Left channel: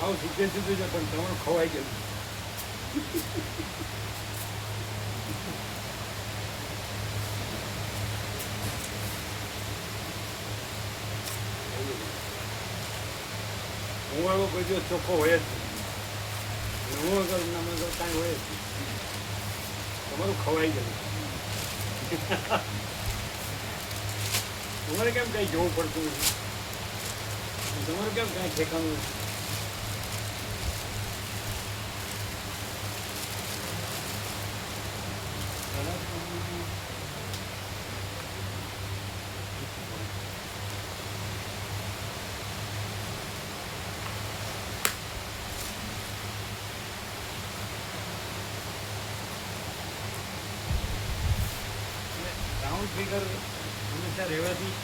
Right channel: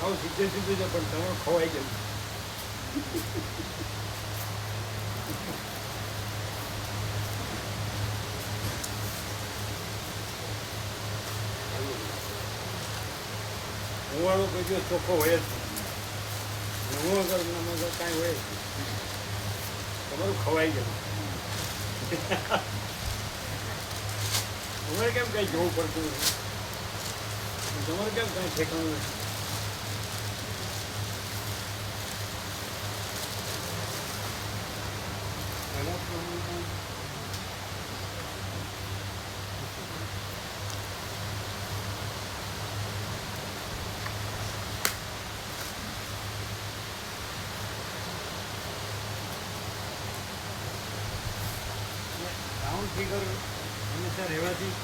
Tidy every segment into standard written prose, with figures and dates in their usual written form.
આવું સીધે સીધું છે પણ તમારું ખવાઈ ગયું. હું વાળો કોઈ દિવસ ચોખ્ખો હોય જ નહીં. હું વગર નામાં તો કાંઈ હોય જ નહીં. તમારું ખવાઈ ગયું. તમારે કેમ કંઈ જોવું પડતું નથી? તમારું કેમ કાંઈ ઠેકાણું નથી? રાઉન્ડ ફિગર હંમેશા રહેવાથી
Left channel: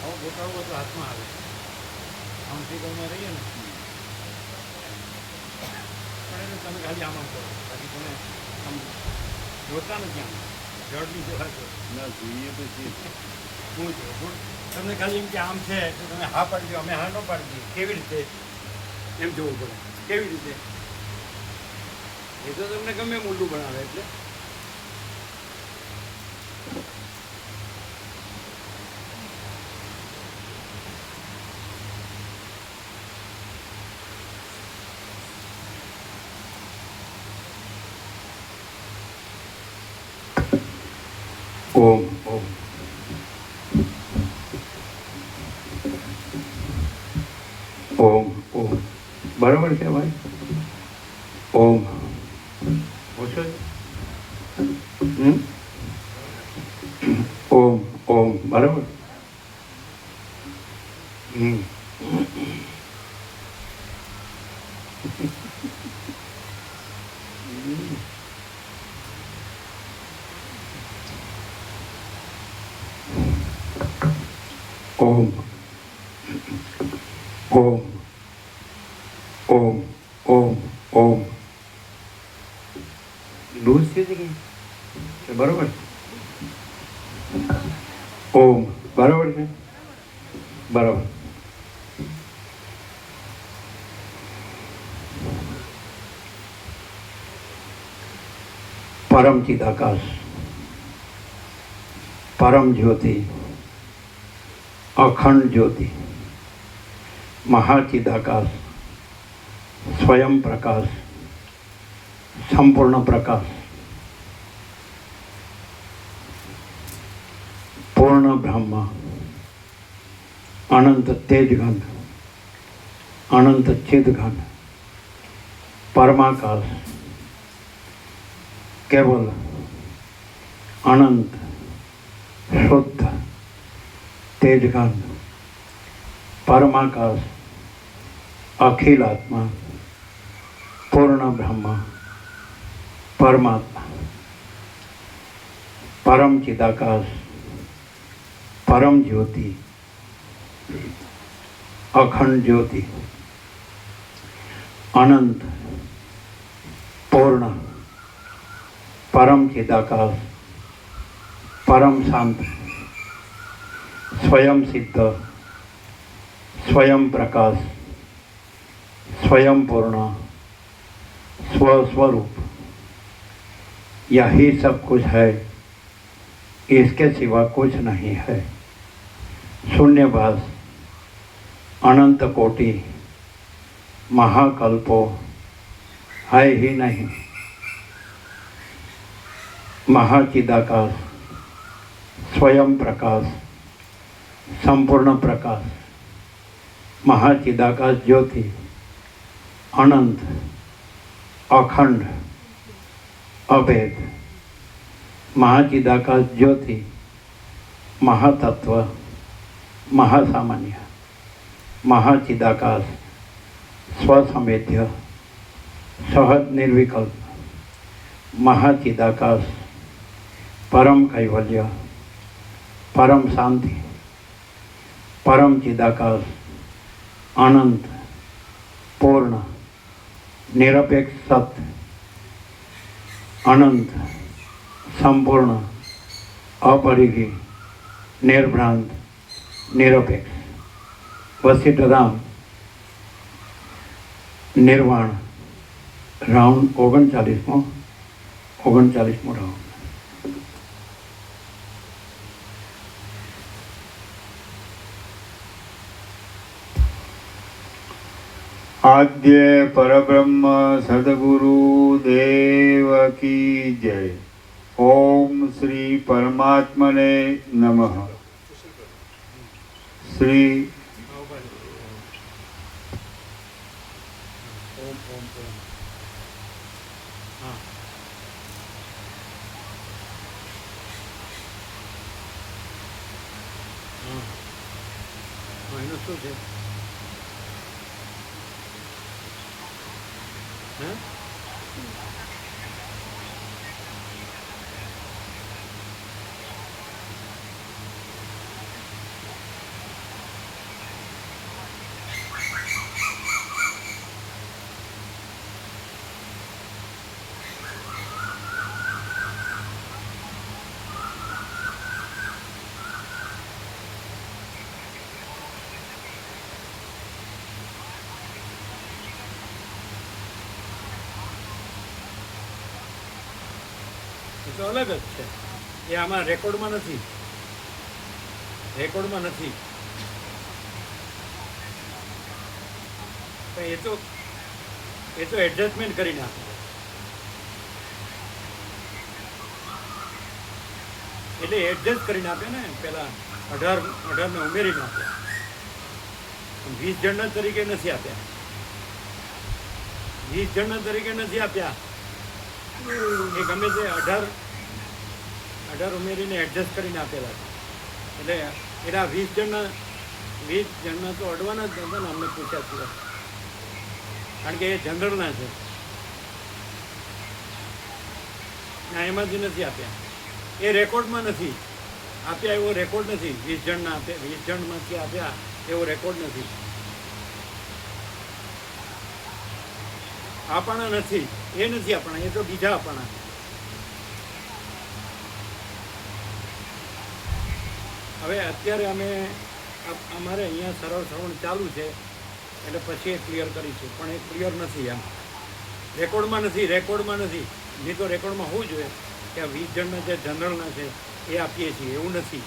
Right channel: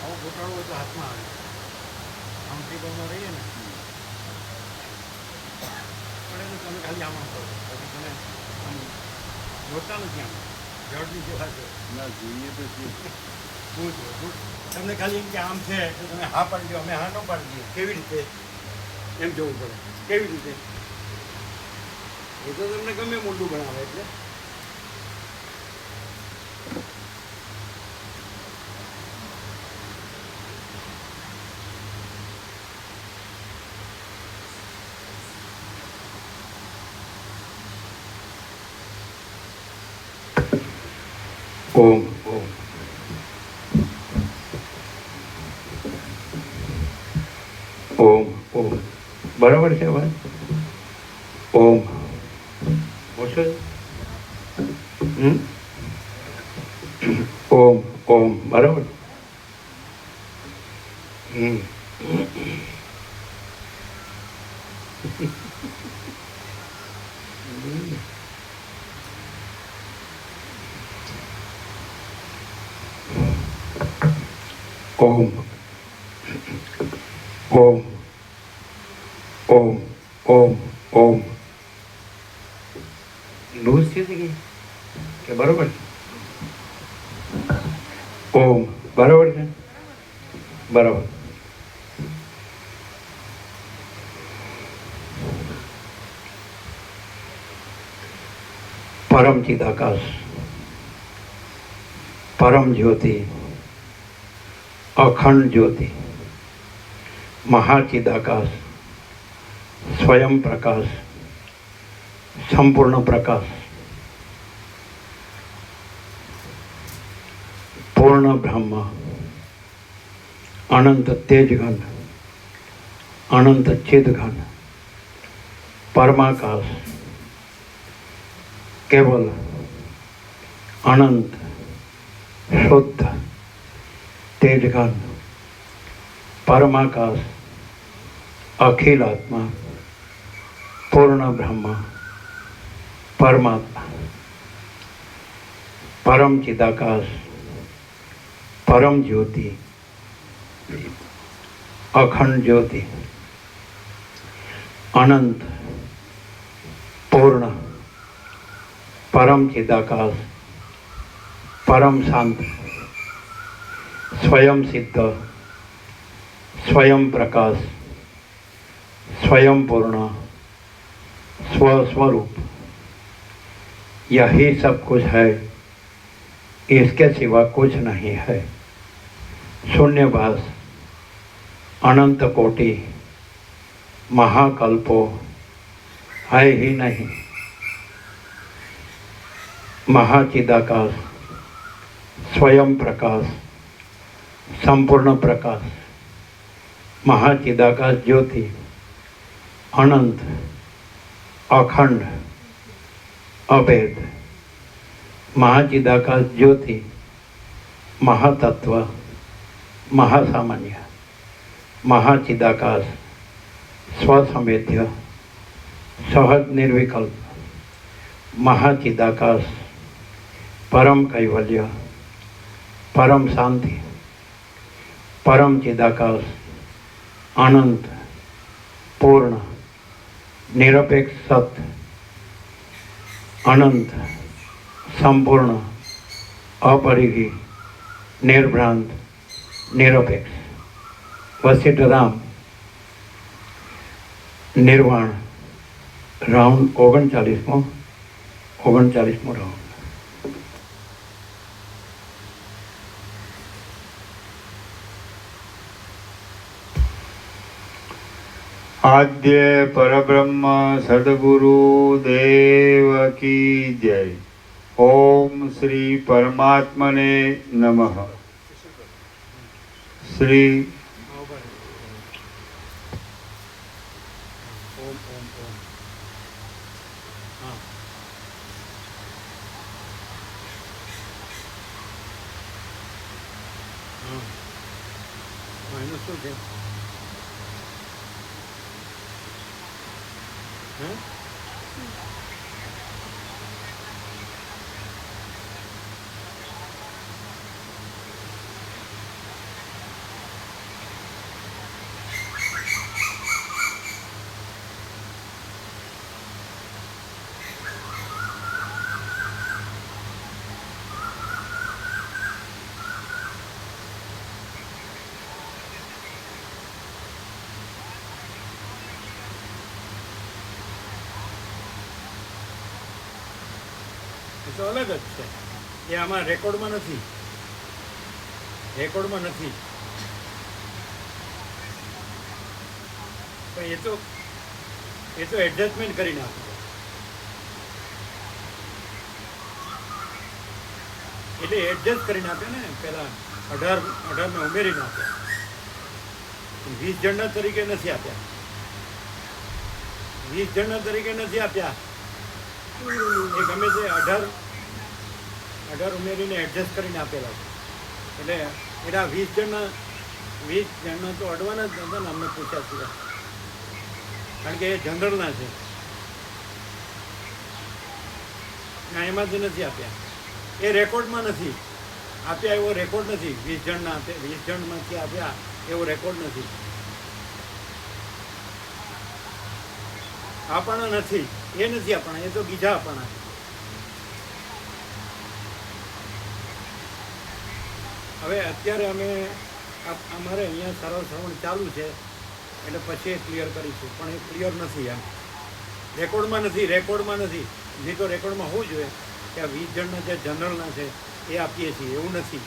આવો ઘટાડવો તો હાથમાં આવે. રાઉન્ડ ફિગરમાં રહીએ ને પણ એને તમે ખાલી આમ કરો, બાકી તમે આમ જોતા નથી. આમ જડની જેવા છો ના જોઈએ તો છે. હું તમને ખાલી એમ કે આમ છે એટલે તમે હા પાડી દો, અમે હા ન પાડી દઈએ. કેવી રીતે એમ જોવું પડે? કેવી રીતે? એ તો તમને ગમે મોટું બનાવે એટલે. ઓમ ઓમ ઓમ ઓમ બરાબર છે ભાઈ. ઓમ ઓછો ઓમ ઓમ બરાબર. ઓમ ઓમ ઓમ ઓમ ઓમ લૂઝ થઈ ગઈ કે બરાબર? ઓમ બરાબર છે. બરાબર. પરમ ચિદાકાશ, પરમ જ્યોતિ, અખંડ જ્યોતિ, મહાચિદાકાશ, સ્વયં પ્રકાશ, સંપૂર્ણ પ્રકાશ, પૂર્ણ બ્રહ્મ, અનંત તેજઘન, અનંત ચિદઘન, પરમાકાશ, કેવલ અનંત શુદ્ધ તેજઘન, પરમાકાશ, अखिल आत्मा, पूर्ण ब्रह्म, परमात्मा, परम चिदाकाश, परम ज्योति, अखंड ज्योति, अनंत पूर्ण परम चिदाकाश, परम शांत, स्वयं सिद्ध, स्वयं प्रकाश, स्वयं पूर्ण, स्वस्वरूप, यही सब कुछ है, इसके सिवा कुछ नहीं है। शून्यभास, अनंत कोटि, महाकल्पो है ही नहीं। महाचिदाकाश, स्वयं प्रकाश, संपूर्ण प्रकाश, महाचिदाकाश ज्योति, अनंत, अखंड, अभेद, महाचिदाकाश ज्योति, महातत्व, महासामान्य, महाचिदाकाश, स्वसंवेद्य, सहज निर्विकल्प, महाचिदाकाश, परम कैवल्य, परम शांति, परम चिदाकाश, अनंत, पूर्ण, निरपेक्ष सत्य, अनंत, संपूर्ण, अपरिघी, निर्भ्रांत, निरपेक्ष, वशिष्ठ राम નિર્વાણ રાઉન્ડ 39મો રાઉન્ડ. આદ્ય પરબ્રહ્મ સદગુરુ દેવ કી જય. ઓમ શ્રી પરમાત્મને નમઃ. શ્રી હા, ઉભા રહો. ઓમ ઓમ ઓમ. હા. હા. હા, એનું શું છે? હે? એ તો અલગ જ છે. એ આમાં રેકોર્ડમાં નથી. રેકોર્ડમાં નથી. પણ એ તો એડજસ્ટમેન્ટ કરી નાખો. એટલે એડજસ્ટ કરીને આપે ને પેલા 18 ઉમેરીને આપ્યા. 20 જણના તરીકે નથી આપ્યા. 20 જણના તરીકે નથી આપ્યા. એ ગમે તે 18 ઉમેરીને એડજસ્ટ કરીને આપેલા છે. એટલે એના 20 જણના તો અડવાના જ નહોતા ને અમને પૂછ્યા સિવાય. કારણ કે એ જનરલના છે. ના, એમાંથી નથી આપ્યા. એ રેકોર્ડમાં નથી આપ્યા. એવો રેકોર્ડ નથી. 20 જણના આપ્યા, 20 જણમાંથી આપ્યા એવો રેકોર્ડ નથી. આપણા નથી. એ નથી આપણા. એ તો બીજા આપણા. હવે અત્યારે અમારે અહીંયા સરળ શ્રવણ ચાલુ છે એટલે પછી એ ક્લિયર કરીશું. પણ એ ક્લિયર નથી. એમ રેકોર્ડમાં નથી. નહીં તો રેકોર્ડમાં હોવું જોઈએ કે આ 20 જણના જે જનરલના છે એ આપીએ છીએ. એવું નથી.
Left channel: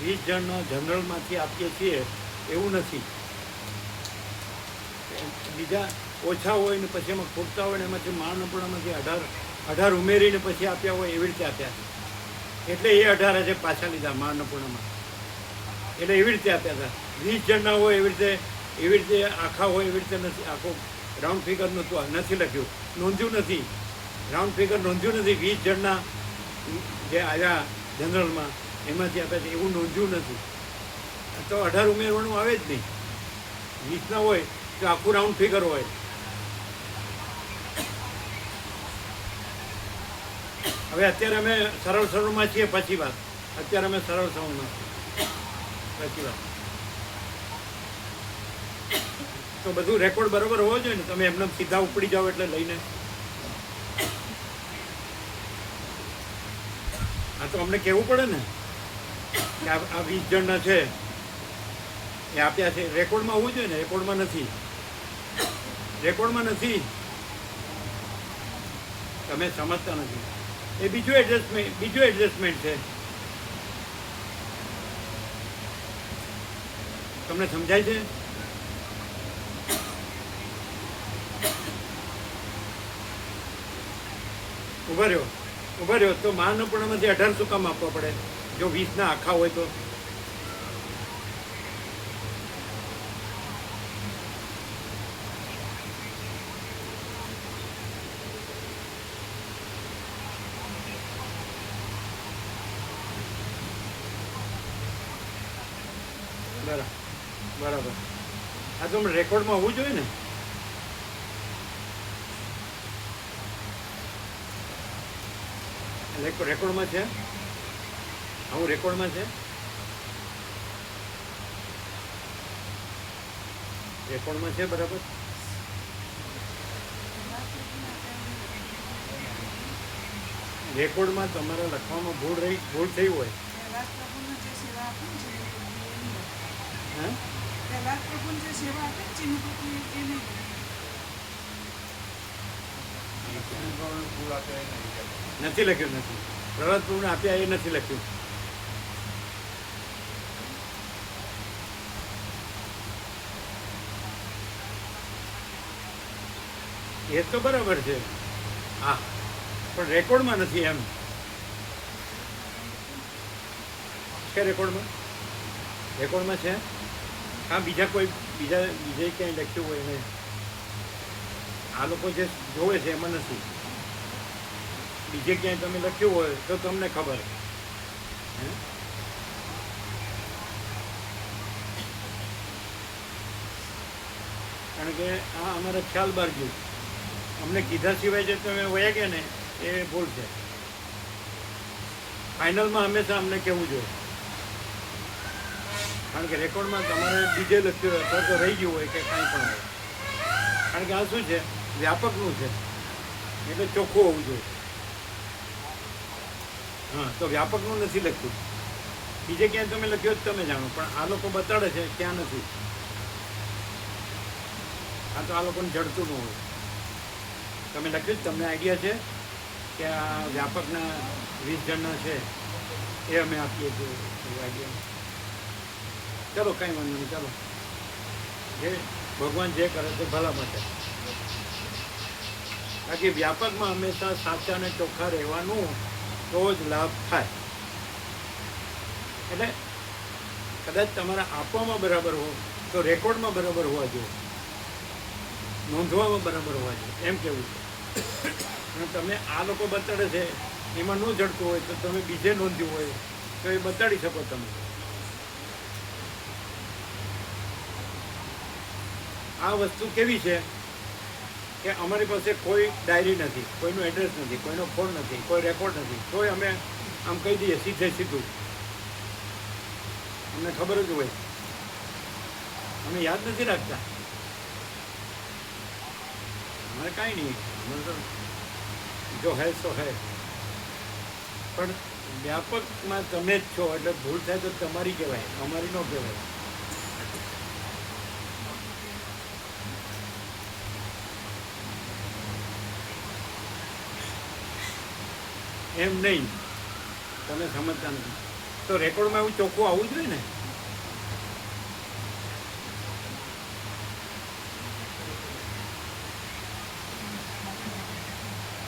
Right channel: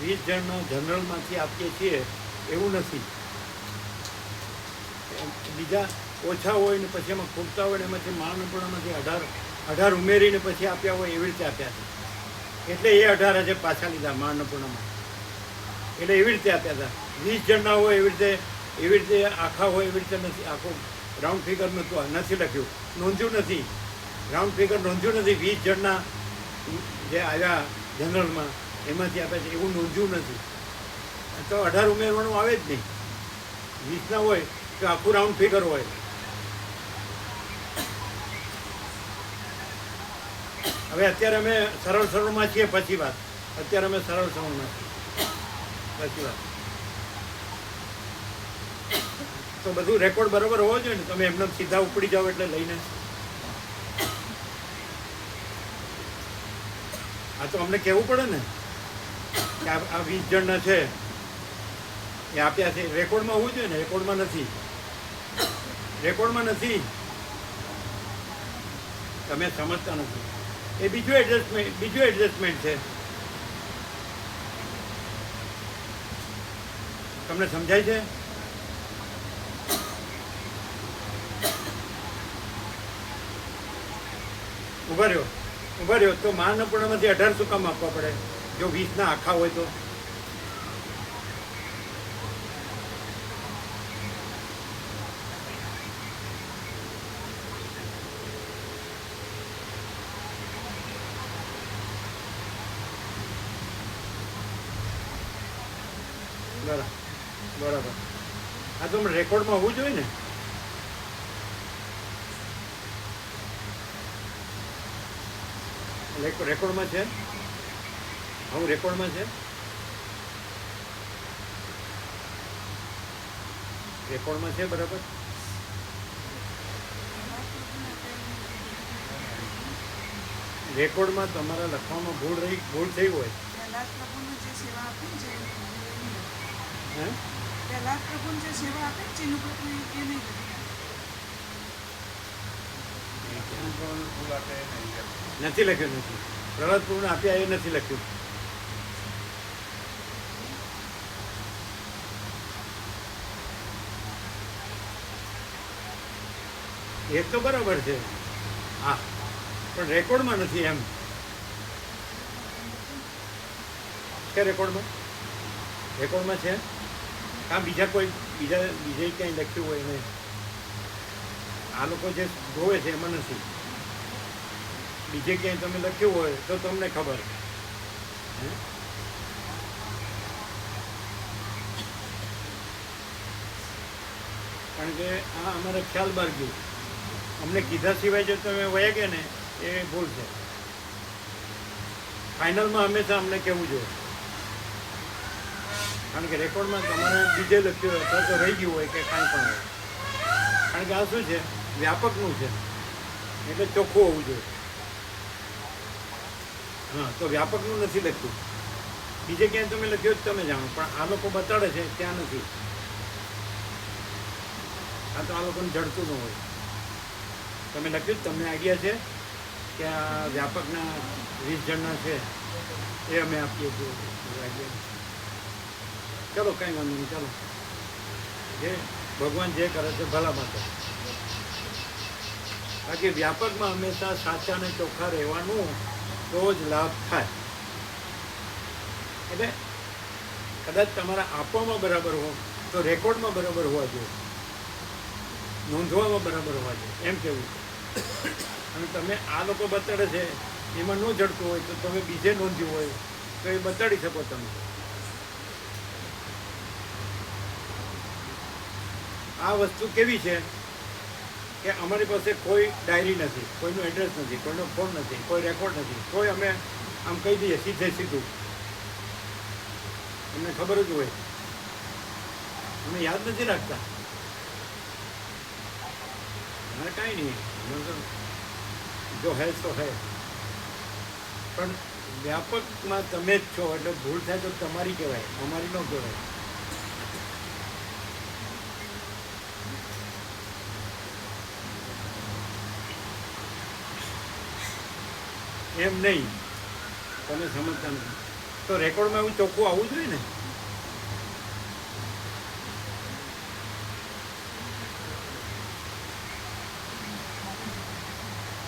20 જણના જનરલમાંથી આપીએ છીએ એવું નથી. બીજા ઓછા હોય ને પછી એમાં ખૂટતા હોય ને એમાંથી મહાઅન્નપૂર્ણામાંથી 18 ઉમેરીને પછી આપ્યા હોય એવી રીતે આપ્યા છે. એટલે એ 18 છે પાછા લીધા મહાઅન્નપૂર્ણામાં. એટલે એવી રીતે આપ્યા હતા. 20 જણના હોય એવી રીતે આખા હોય એવી રીતે નથી. આખું રાઉન્ડ ફિગર નથી લખ્યું. નોંધ્યું નથી. રાઉન્ડ ફિગર નોંધ્યું નથી. 20 જણના જે આવ્યા જનરલમાં એમાંથી આપ્યા છે એવું નોંધ્યું નથી. તો 18 ઉમેરવાનું આવે જ નહીં. 20ના હોય તો આખું રાઉન્ડ ફિગર હોય. હવે અત્યારે અમે સરળ શ્રવણમાં છીએ. પછી વાત. અત્યારે અમે સરળ શ્રવણમાં છીએ. પછી વાત. તો બધું રેકોર્ડ બરોબર હોવો જોઈએ ને. તમે એમને સીધા ઉપડી જાઓ એટલે લઈને. આ તો અમને કહેવું પડે ને કે આ 20 જણના છે એ આપ્યા છે. રેકોર્ડમાં હોવું જોઈએ ને. રેકોર્ડમાં નથી. તમે સમજતા નથી. એ બીજું એડજસ્ટમેન્ટ છે. તમને સમજાય છે? ઉભા રહ્યો. તો મહાઅન્નપૂર્ણામાંથી 18 શું કામ આપવા પડે જો 20ના આખા હોય તો? બરાબર. આ તો રેકોર્ડમાં હોવું જોઈએ ને. રેકોર્ડમાં છે. આવું રેકોર્ડમાં છે. બરાબર. રેકોર્ડમાં તમારા લખવામાં ભૂલ થઈ હોય. હે? પહેલા પ્રભુને જે સેવા આપે ને ચીનું પ્રભુ એ નહીં કરી. નથી લખ્યું, નથી. પ્રહલાદ પ્રભુને આપ્યા એ નથી લખ્યું. એ તો બરાબર છે, હા, પણ રેકોર્ડમાં નથી એમ. છે રેકોર્ડમાં? રેકોર્ડમાં છે? હા, બીજે ક્યાંય લખ્યું હોય નહીં. આ લોકો જે જોવે છે એમાં નથી. બીજે ક્યાંય તમે લખ્યું હોય તો તમને ખબર. હે? કારણ કે આ અમારે ખ્યાલ બહાર ગયું. અમને કીધા સિવાય જે તમે વયા ગયા ને એ ભૂલ છે. ફાઇનલમાં હંમેશા અમને કહેવું જોઈએ. કારણ કે રેકોર્ડમાં તમારે બીજે લખ્યું હોય અથવા તો રહી ગયું હોય કે કાંઈ પણ હોય. કારણ કે આ શું છે, વ્યાપકનું છે એટલે ચોખ્ખું હોવું જોઈએ. હા, તો વ્યાપકનું નથી લખ્યું. બીજે ક્યાંય તમે લખ્યું જ તમે જાણો, પણ આ લોકો બતાડે છે ત્યાં નથી. આ તો આ લોકોને જડતું ન હોય. તમે લખ્યું જ, તમને આઈડિયા છે કે આ વ્યાપકના 20 જણના છે એ અમે આપીએ છીએ આઈડિયા. ચલો કાંઈ વાંધો નહીં, ચાલો. જે ભગવાન જે કરે છે ભલા માટે. બાકી વ્યાપકમાં હંમેશા સાચા અને ચોખ્ખા રહેવાનું તો જ લાભ થાય. એટલે કદાચ તમારા આપવામાં બરાબર હો તો રેકોર્ડમાં બરાબર હોવા જોઈએ, નોંધવામાં બરાબર હોવા જોઈએ, એમ કહેવું છે. અને તમે આ લોકો બતાડે છે એમાં ન જડતું હોય તો તમે બીજે નોંધ્યું હોય તો એ બતાડી શકો તમે. આ વસ્તુ કેવી છે કે અમારી પાસે કોઈ ડાયરી નથી, કોઈનું એડ્રેસ નથી, કોઈનો ફોન નથી, કોઈ રેકોર્ડ નથી, તોય અમે આમ કહી દઈએ સીધું. અમને ખબર જ હોય, અમે યાદ નથી રાખતા. અમારે કાંઈ નહીં, અમારે તો જો હે સો હે. પણ વ્યાપકમાં તમે જ છો એટલે ભૂલ થાય તો તમારી કહેવાય, અમારી ન કહેવાય. એમ નહીં, તમે સમજતા નથી. તો રેકોર્ડમાં એવું ચોખ્ખું આવવું જોઈએ ને.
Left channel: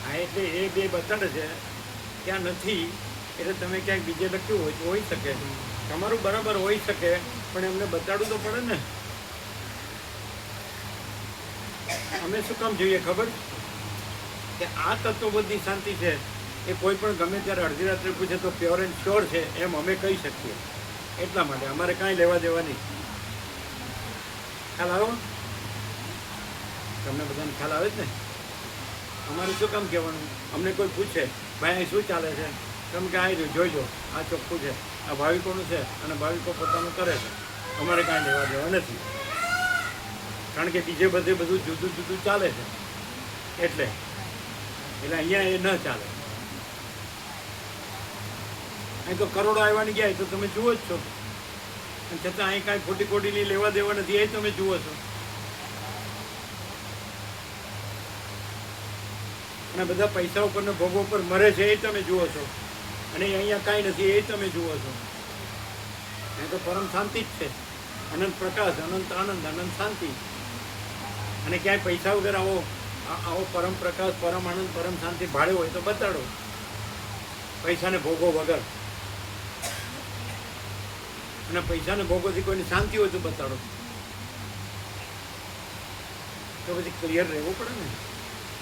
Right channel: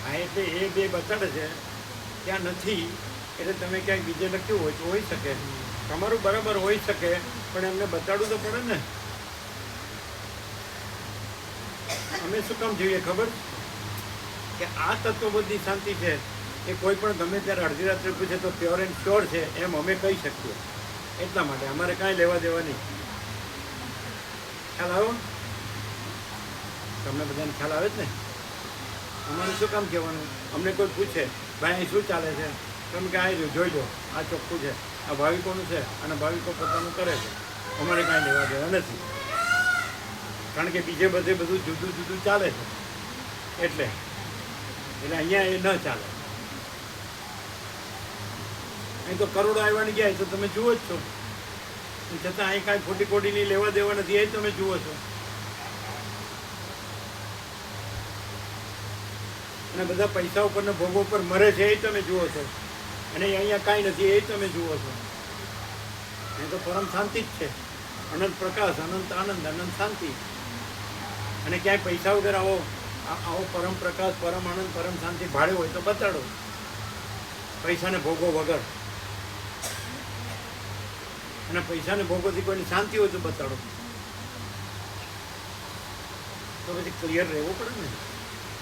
હા, એટલે એ બે બતાડે છે ત્યાં નથી એટલે તમે ક્યાંક બીજે લખ્યું હોય તો હોઈ શકે, તમારું બરાબર હોઈ શકે, પણ એમને બતાડવું તો પડે ને. અમે શું કામ જોઈએ ખબર કે આ તત્વબદ્ધની શાંતિ છે એ કોઈ પણ ગમે ત્યારે અડધી રાત્રે પૂછે તો પ્યોર એન્ડ શ્યોર છે એમ અમે કહી શકીએ. એટલા માટે અમારે કાંઈ લેવા દેવા નહીં. ખ્યાલ આવ્યો? તમને બધાને ખ્યાલ આવે જ ને? અમારે શું કામ કહેવાનું? અમને કોઈ પૂછે ભાઈ અહીં શું ચાલે છે, તમે કે આવી જોઈજો, આ ચોખ્ખું છે, આ ભાવિકોનું છે અને ભાવિકો પોતાનું કરે છે, અમારે કાંઈ લેવા દેવા નથી. કારણ કે બીજે બધે બધું જુદું જુદું ચાલે છે એટલે અહીંયા એ ન ચાલે. અહીં તો કરોડો આવવાની ગયા તો તમે જુઓ જ છો, અને છતાં અહીં કાંઈ ખોટી ખોટીની લેવા દેવા નથી એ તમે જુઓ છો. અને બધા પૈસા ઉપરને ભોગો ઉપર મરે છે એ તમે જુઓ છો, અને અહીંયા કાંઈ નથી એ તમે જુઓ છો. અહીં તો પરમ શાંતિ જ છે, અનંત પ્રકાશ, અનંત આનંદ, અનંત શાંતિ. અને ક્યાંય પૈસા વગર આવો પરમ પ્રકાશ, પરમ આનંદ, પરમ શાંતિ ભાડે હોય તો બતાડો, પૈસાને ભોગો વગર. અને પૈસાને ભોગોથી કોઈની શાંતિ હોય તો બતાડો. તો પછી ક્લિયર રહેવું પડે ને,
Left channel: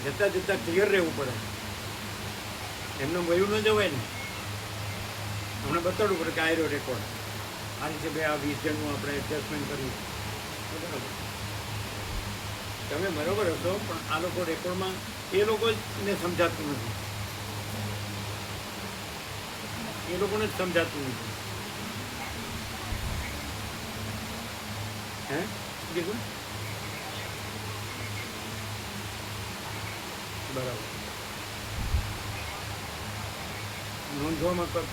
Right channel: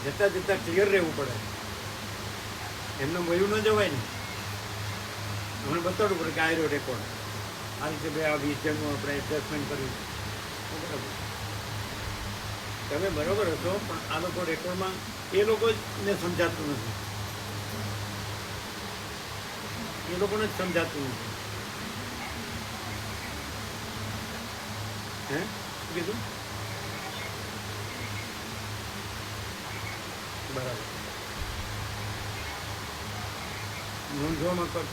જતાં ક્લિયર રહેવું પડે. એમને વયું ન જવાય ને, અમને બતાડવું પડે કે આ રહ્યો રેકોર્ડ, આ રીતે બે આ 20 જણનું આપણે એડજસ્ટમેન્ટ કર્યું. બરાબર, તમે બરાબર હશો, પણ આ લોકો રેકોર્ડમાં એ લોકોને સમજાતું નથી, એ લોકોને જ સમજાતું નથી. હે શું કીધું? બરાબર, નોંધવામાં કર.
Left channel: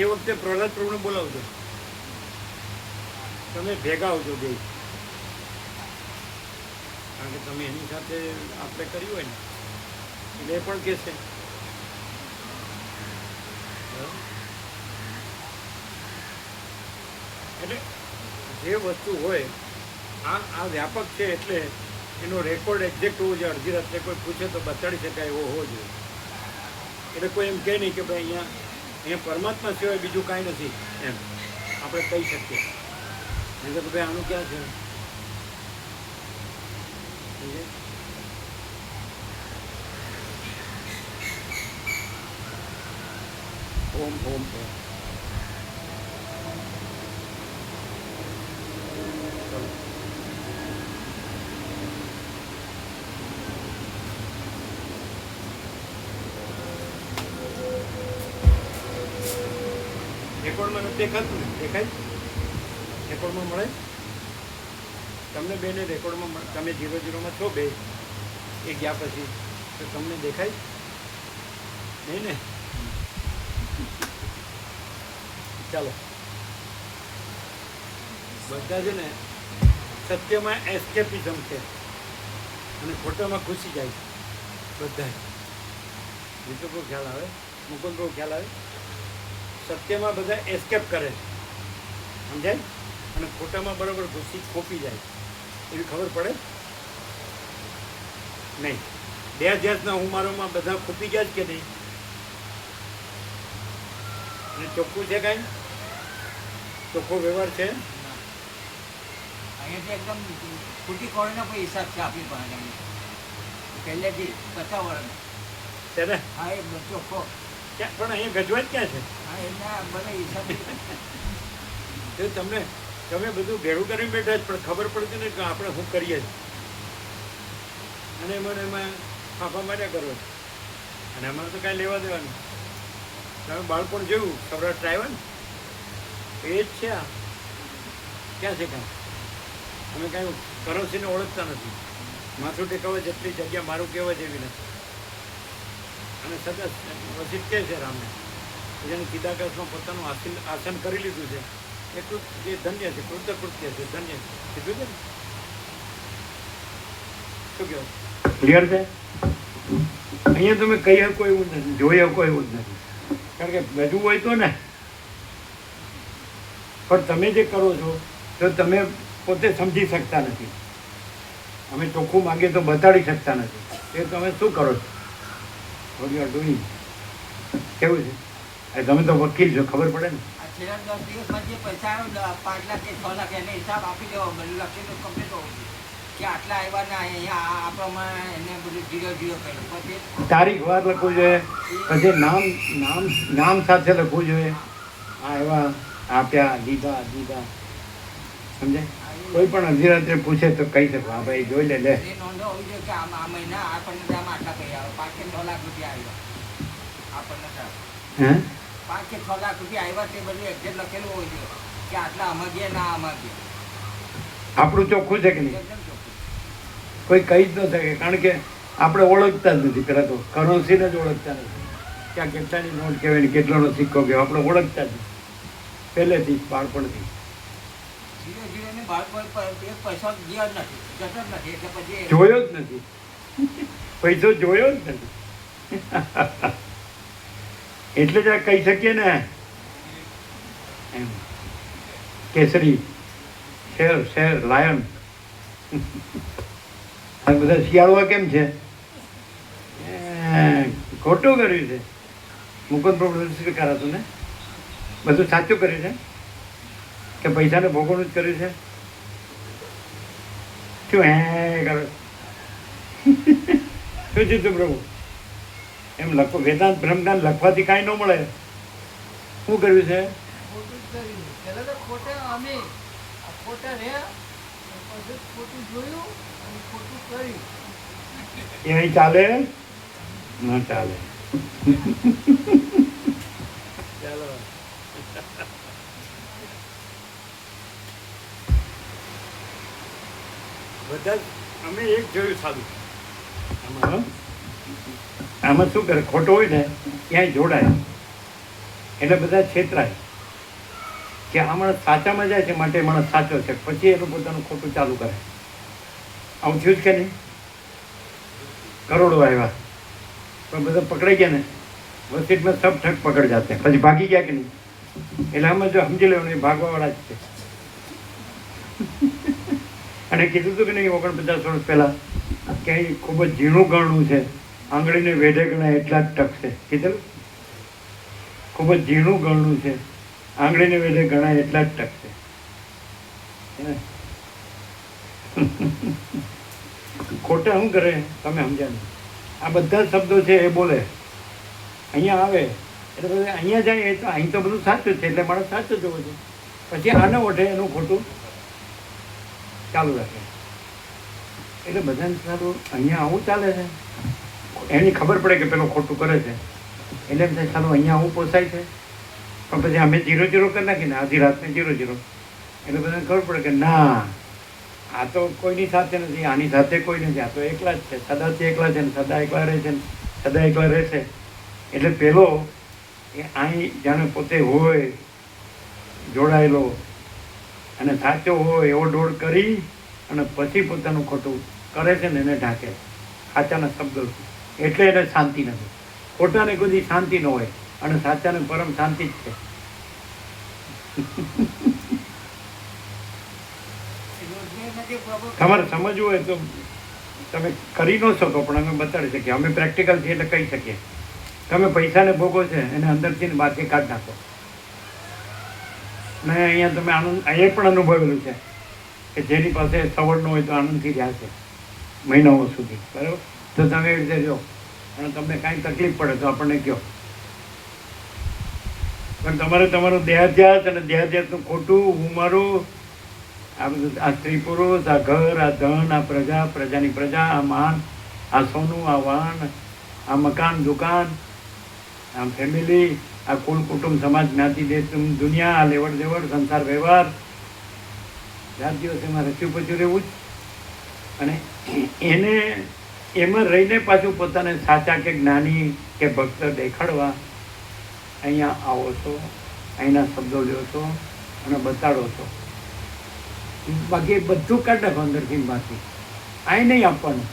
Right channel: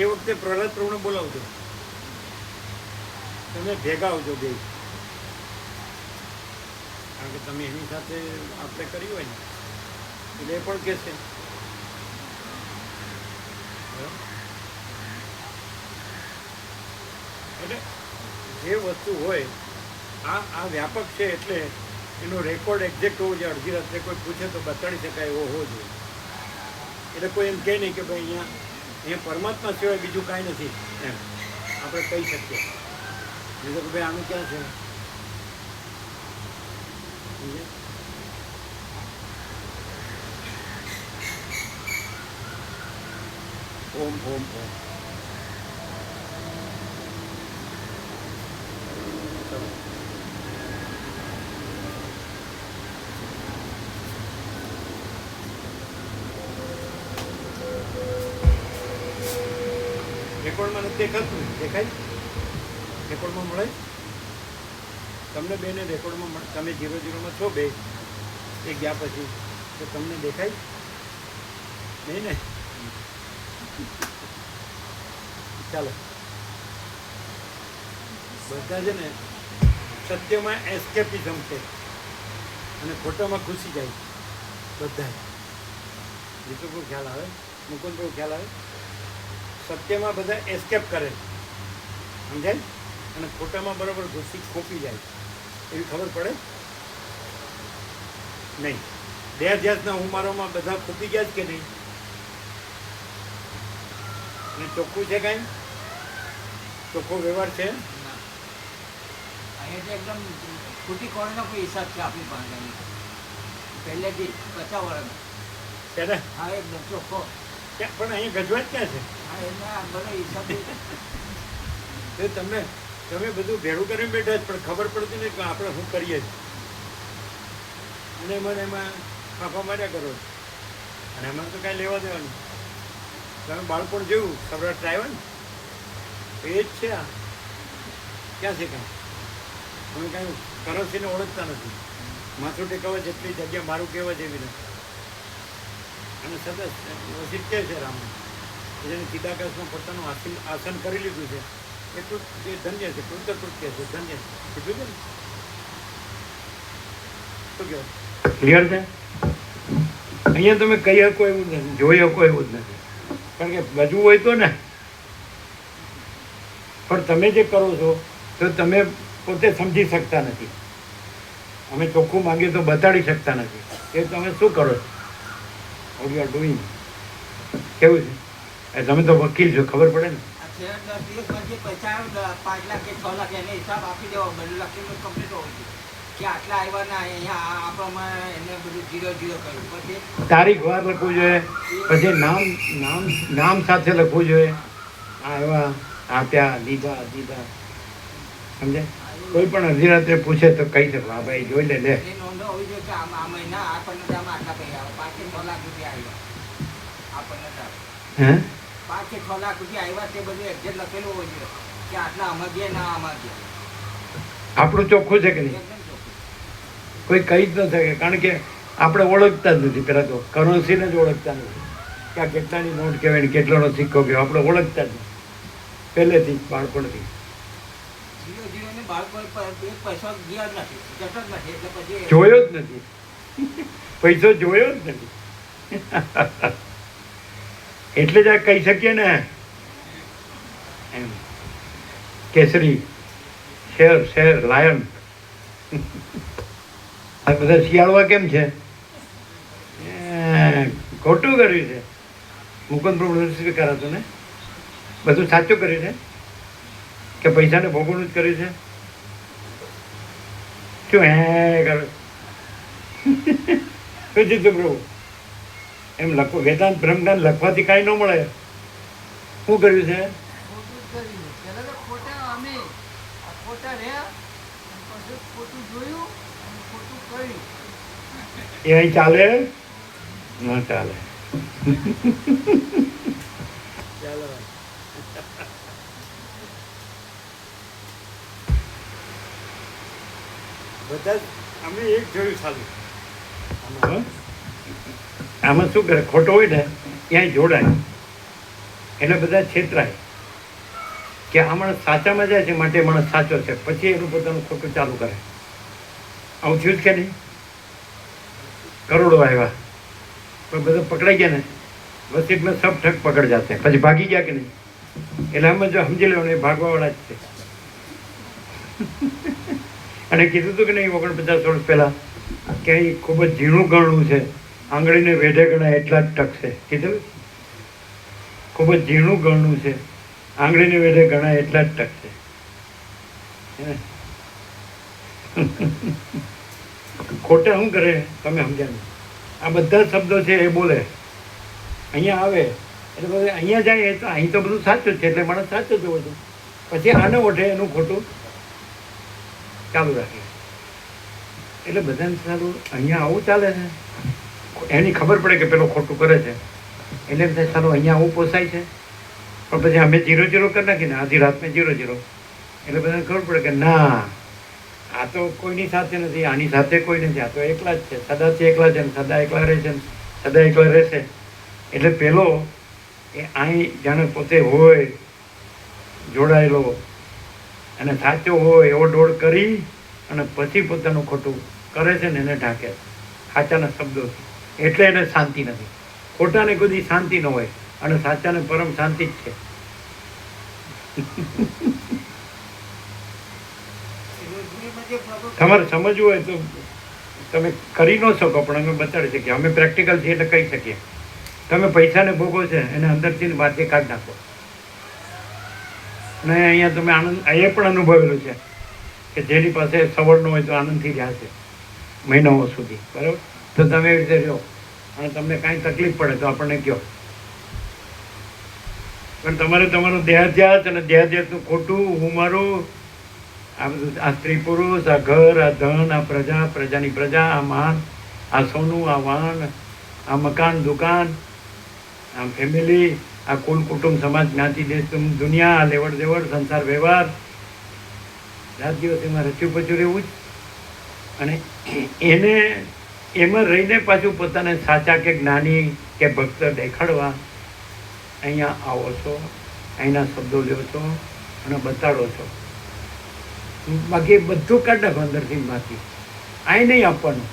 એ વખતે પ્રહલાદ પ્રભુને બોલાવજો. તમે ભેગા આવજો બે, કારણ કે તમે એની સાથે આપણે કર્યું હોય ને એટલે એ પણ કહેશે. બરાબર? એટલે જે વસ્તુ હોય આ વ્યાપક છે, એટલે એનો રેકોર્ડ એક્ઝેક્ટ હોવો જોઈએ. અડધી રાત્રે કોઈ પૂછે તો બતાડી શકાય એવો હોવો જોઈએ. એટલે કોઈ એમ કહે નહીં કે ભાઈ અહીંયા પરમાત્મા સિવાય બીજું કાંઈ નથી એમ આપણે કહી શકીએ. નહીં તો કે ભાઈ આનું ક્યાં છે. સમજ્યા? ઓમ ઓમ ઓમ. ચલો. રેકોર્ડમાં નથી દેખાતું ને? દેખાય? રેકોર્ડમાં મળે તમને બેને? રેકોર્ડમાં મળે? તમે 00માં છો બે એ ગયા પછી તો તમને દેખાય નહીં ને? ચાલો, બધા છે ને સત્યમાં એસ્કેપિઝમ છે અને ખોટામાં ખુશી જાય બધા. જીતુ બહુ ખ્યાલ આવે, મુકુંદ બહુ ખ્યાલ આવે. સત્યમાં બધા એસ્કેપ કરે, સમજાય? અને ખોટામાં બરાબર ઘૂસી ખોપી જાય એવી ખબર પડે નહીં. દેહ હું મારોમાં બધા ખોપી ગયા જ કે નહીં? અને ચોખ્ખું છે કાંઈ? ચોખ્ખો વ્યવહાર છે? અહીંયાથી એકદમ ખોટી કોણનો કોઈ હિસાબ છે આપણી પાસે પહેલેથી 50 વર્ષ છે ને? હા એ ચોખ્ખો. ક્યાં પણ અહીંયા ગજવાજ ક્યાં છે? હા એના બધા હિસાબ એ તમે બધું ભેળું કરીને બેઠા જ, પણ ખબર પડતી નહીં કે આપણે શું કરીએ છીએ. અને એમાં ફાંફા માર્યા કરો છો. અને એમાં તો કાંઈ લેવા દેવાનું. તમે બાળપણ જેવું સૌરાષ્ટ્ર આવ્યા ને એ જ છે. આ ક્યાં છે કાંઈ? અમે કાંઈ કરન્સીને ઓળખતા નથી. માથું ટેકાવા જેટલી જગ્યા મારું કહેવા જેવી નથી. અને સદા વસિત કહે છે રામને, જેને ચિદાકાશમાં પોતાનું આસન કરી લીધું છે એ ધન્ય છે, કૃતકૃત્ય છે, ધન્ય છે. કીધું છે ને? શું કહેવાય? ક્લિયર છે? અહીંયા તમે કહી શકો એવું જ નથી, જોઈ શકો એવું જ નથી. કારણ કે બધું હોય તો ને, પણ તમે જે કરો છો તો તમે પોતે સમજી શકતા નથી. અમે ચોખ્ખું માંગીએ તો બતાડી શકતા નથી. એ તમે શું કરો છો? What you are doing? કેવું છે? તમે તો વકીલ છો, ખબર પડે ને? છેલ્લા 10 દિવસમાં જે પૈસા આવે 5 લાખ કે 6 લાખ એને હિસાબ આપી દેવો. બધું લખેલું કમ્પ્લીટ હોવું જોઈએ કે આટલા આવ્યા ને અહીંયા આ પ્રમાણે એને બધું 0 0 કર્યું. પછી તારીખ વાર લખવું જોઈએ, પછી નામ સાથે લખવું જોઈએ. આવ્યા, આપ્યા, દીધા. સમજે? કોઈ પણ અડધી રાત્રે પૂછે તો કહી શકો, હા ભાઈ જોઈ લે. એ નોંધો હોવી જોઈએ કે આ મહિના આપણને આટલા પૈસા આવે. 5 કે 6 લાખ રૂપિયા આવ્યા આપણને. હે? 5 કે 6 લાખ રૂપિયા આવ્યા તે બધું એક્ઝેક્ટ લખેલું હોવું જોઈએ કે આટલા આમાં ગયા ના આમાં ગયા. આપણું ચોખ્ખું છે કે નહીં? એકદમ ચોખ્ખું. કોઈ કહી જ ન શકે, કારણ કે આપણે ઓળખતા જ નથી. પહેલાં તો કરન્સીને જ ઓળખતા નથી કે આ કેટલાની નોટ કહેવાય ને કેટલાનો સિક્કો કહેવાય. આપણે ઓળખતા જ નથી પહેલેથી, બાળપણથી. 0 0 ની બાળપણ પૈસા ગયા જ નથી, જતો જ નથી. એટલે પછી જોયો જ નથી. પૈસો જોયો જ નથી. એટલે જ આ કહી શકીએ ને એમ કેસરી, શેર, લાયન. આ બધા શિયાળવા કેમ છે? ખોટું કર્યું છે. મુકુંદ પ્રભુ કરાતું ને બધું સાચું કર્યું છે કે પૈસાને ભોગવવાનું જ કર્યું છે? શું હે કરો? શું જીતું પ્રભુ? એમ લખો, વેદાંત બ્રહ્મજ્ઞાન લખવાથી કાંઈ ન મળે. શું કર્યું છે? ખોટું જ કર્યું. પહેલા તો ખોટા અમે ખોટા રહ્યા, પછી ખોટું જોયું અને ખોટું કર્યું. એ અહીં ચાલે? ના ચાલે. ચાલો. બધા અમે એક જોયું સારું. આમાં શું કરે? ખોટો હોય ને ક્યાંય જોડાય એટલે બધા છેતરાય. કે આ માણસ સાચામાં જાય છે માટે માણસ સાચો છે, પછી એનું પોતાનું ખોટું ચાલુ કરે. આવું થયું જ કે નહીં? કરોડો આવ્યા પણ બધા પકડાઈ ગયા ને, વસીતમાં સબ ઠક પકડ જાતે, પછી ભાગી ગયા કે નહીં? એટલે અમે જો સમજી લેવાનું એ ભાગવાવાળા જ છે. અને કીધું હતું કે નહીં 49 વર્ષ પહેલાં કે અહીં ખૂબ જ ઝીણું ગણવું છે, આંગળીને વેઢે ગણાય એટલા જ ટકશે. કીધું ખૂબ જ ઝીણું ગણવું છે, આંગળીને વેઢે ગણાય એટલા જ ટકશે. ખોટા શું કરે તમે સમજ્યા નહીં. આ બધા શબ્દો છે એ બોલે, અહીંયા આવે એટલે બધા અહીંયા જાય તો અહીં તો બધું સાચું છે એટલે માણસ સાચો જ હોવો છે. પછી આને ઓઢે એનું ખોટું ચાલુ રાખે. એટલે બધાને સારું અહીંયા આવું ચાલે છે, એની ખબર પડે કે પેલો ખોટું કરે છે એટલે એમ થાય સારું અહીંયા આવું પોસાય છે. પણ પછી અમે 0-0 કરી નાખીને આધી રાતને 0-0 એટલે બધાને ખબર પડે કે ના આ તો કોઈની સાથે નથી, આની સાથે કોઈ નથી, આ તો એકલા જ છે, સદાથી એકલા છે ને સદા એકલા રહે છે ને સદા એકલા રહેશે. એટલે પેલો એ અહીં જાણે પોતે હોય જોડાયેલો અને સાચો હોય એવો દોડ કરી અને પછી પોતાનું ખોટું કરે છે ને એને ઢાંકે સાચાના શબ્દો. એટલે એને શાંતિ નથી. ખોટાને કોઈ શાંતિ ન હોય અને સાચાને પરમ શાંતિ જ છે. તમારે સમજવું હોય તો તમે કરી ન શકો, પણ અમે બતાડી શકીએ. અમે પ્રેક્ટિકલ છીએ એટલે કહી શકીએ. તમે પૈસાને ભોગવો છે એને અંદરથી વાતે કાઢી નાખો. અને અહીંયા તમે આનંદ એ પણ અનુભવેલું છે કે જેની પાસે સવડ ન હોય તો આનંદથી રહ્યા છે મહિનાઓ સુધી, બરાબર? તો તમે એવી રીતે જો અને તમને કાંઈ તકલીફ પડે તો આપણને કહો. પણ તમારે તમારું દેહાધ્યાસ અને દેહાધ્યાસનું ખોટું, હું મારું, આ બધું, આ સ્ત્રી પુરુષ, આ ઘર, આ ધન, આ પ્રજા, પ્રજાની પ્રજા, આ માન, આ સોનું, આ વાહન, આ મકાન, દુકાન, આ ફેમિલી, આ કુલ, કુટુંબ, સમાજ, જ્ઞાતિ, દેશ, દુનિયા, આ લેવડ દેવડ, સંસાર વ્યવહાર, રાત દિવસ એમાં રચ્યું પચ્યું રહેવું જ. અને એને એમાં રહીને પાછું પોતાને સાચા કે જ્ઞાની કે ભક્ત દેખાડવા અહીંયા આવો છો, અહીંના શબ્દો લ્યો છો અને બતાડો છો. બાકી બધું કાઢ નાખો અંદરથી બાકી અહીં નહીં આપવાનું.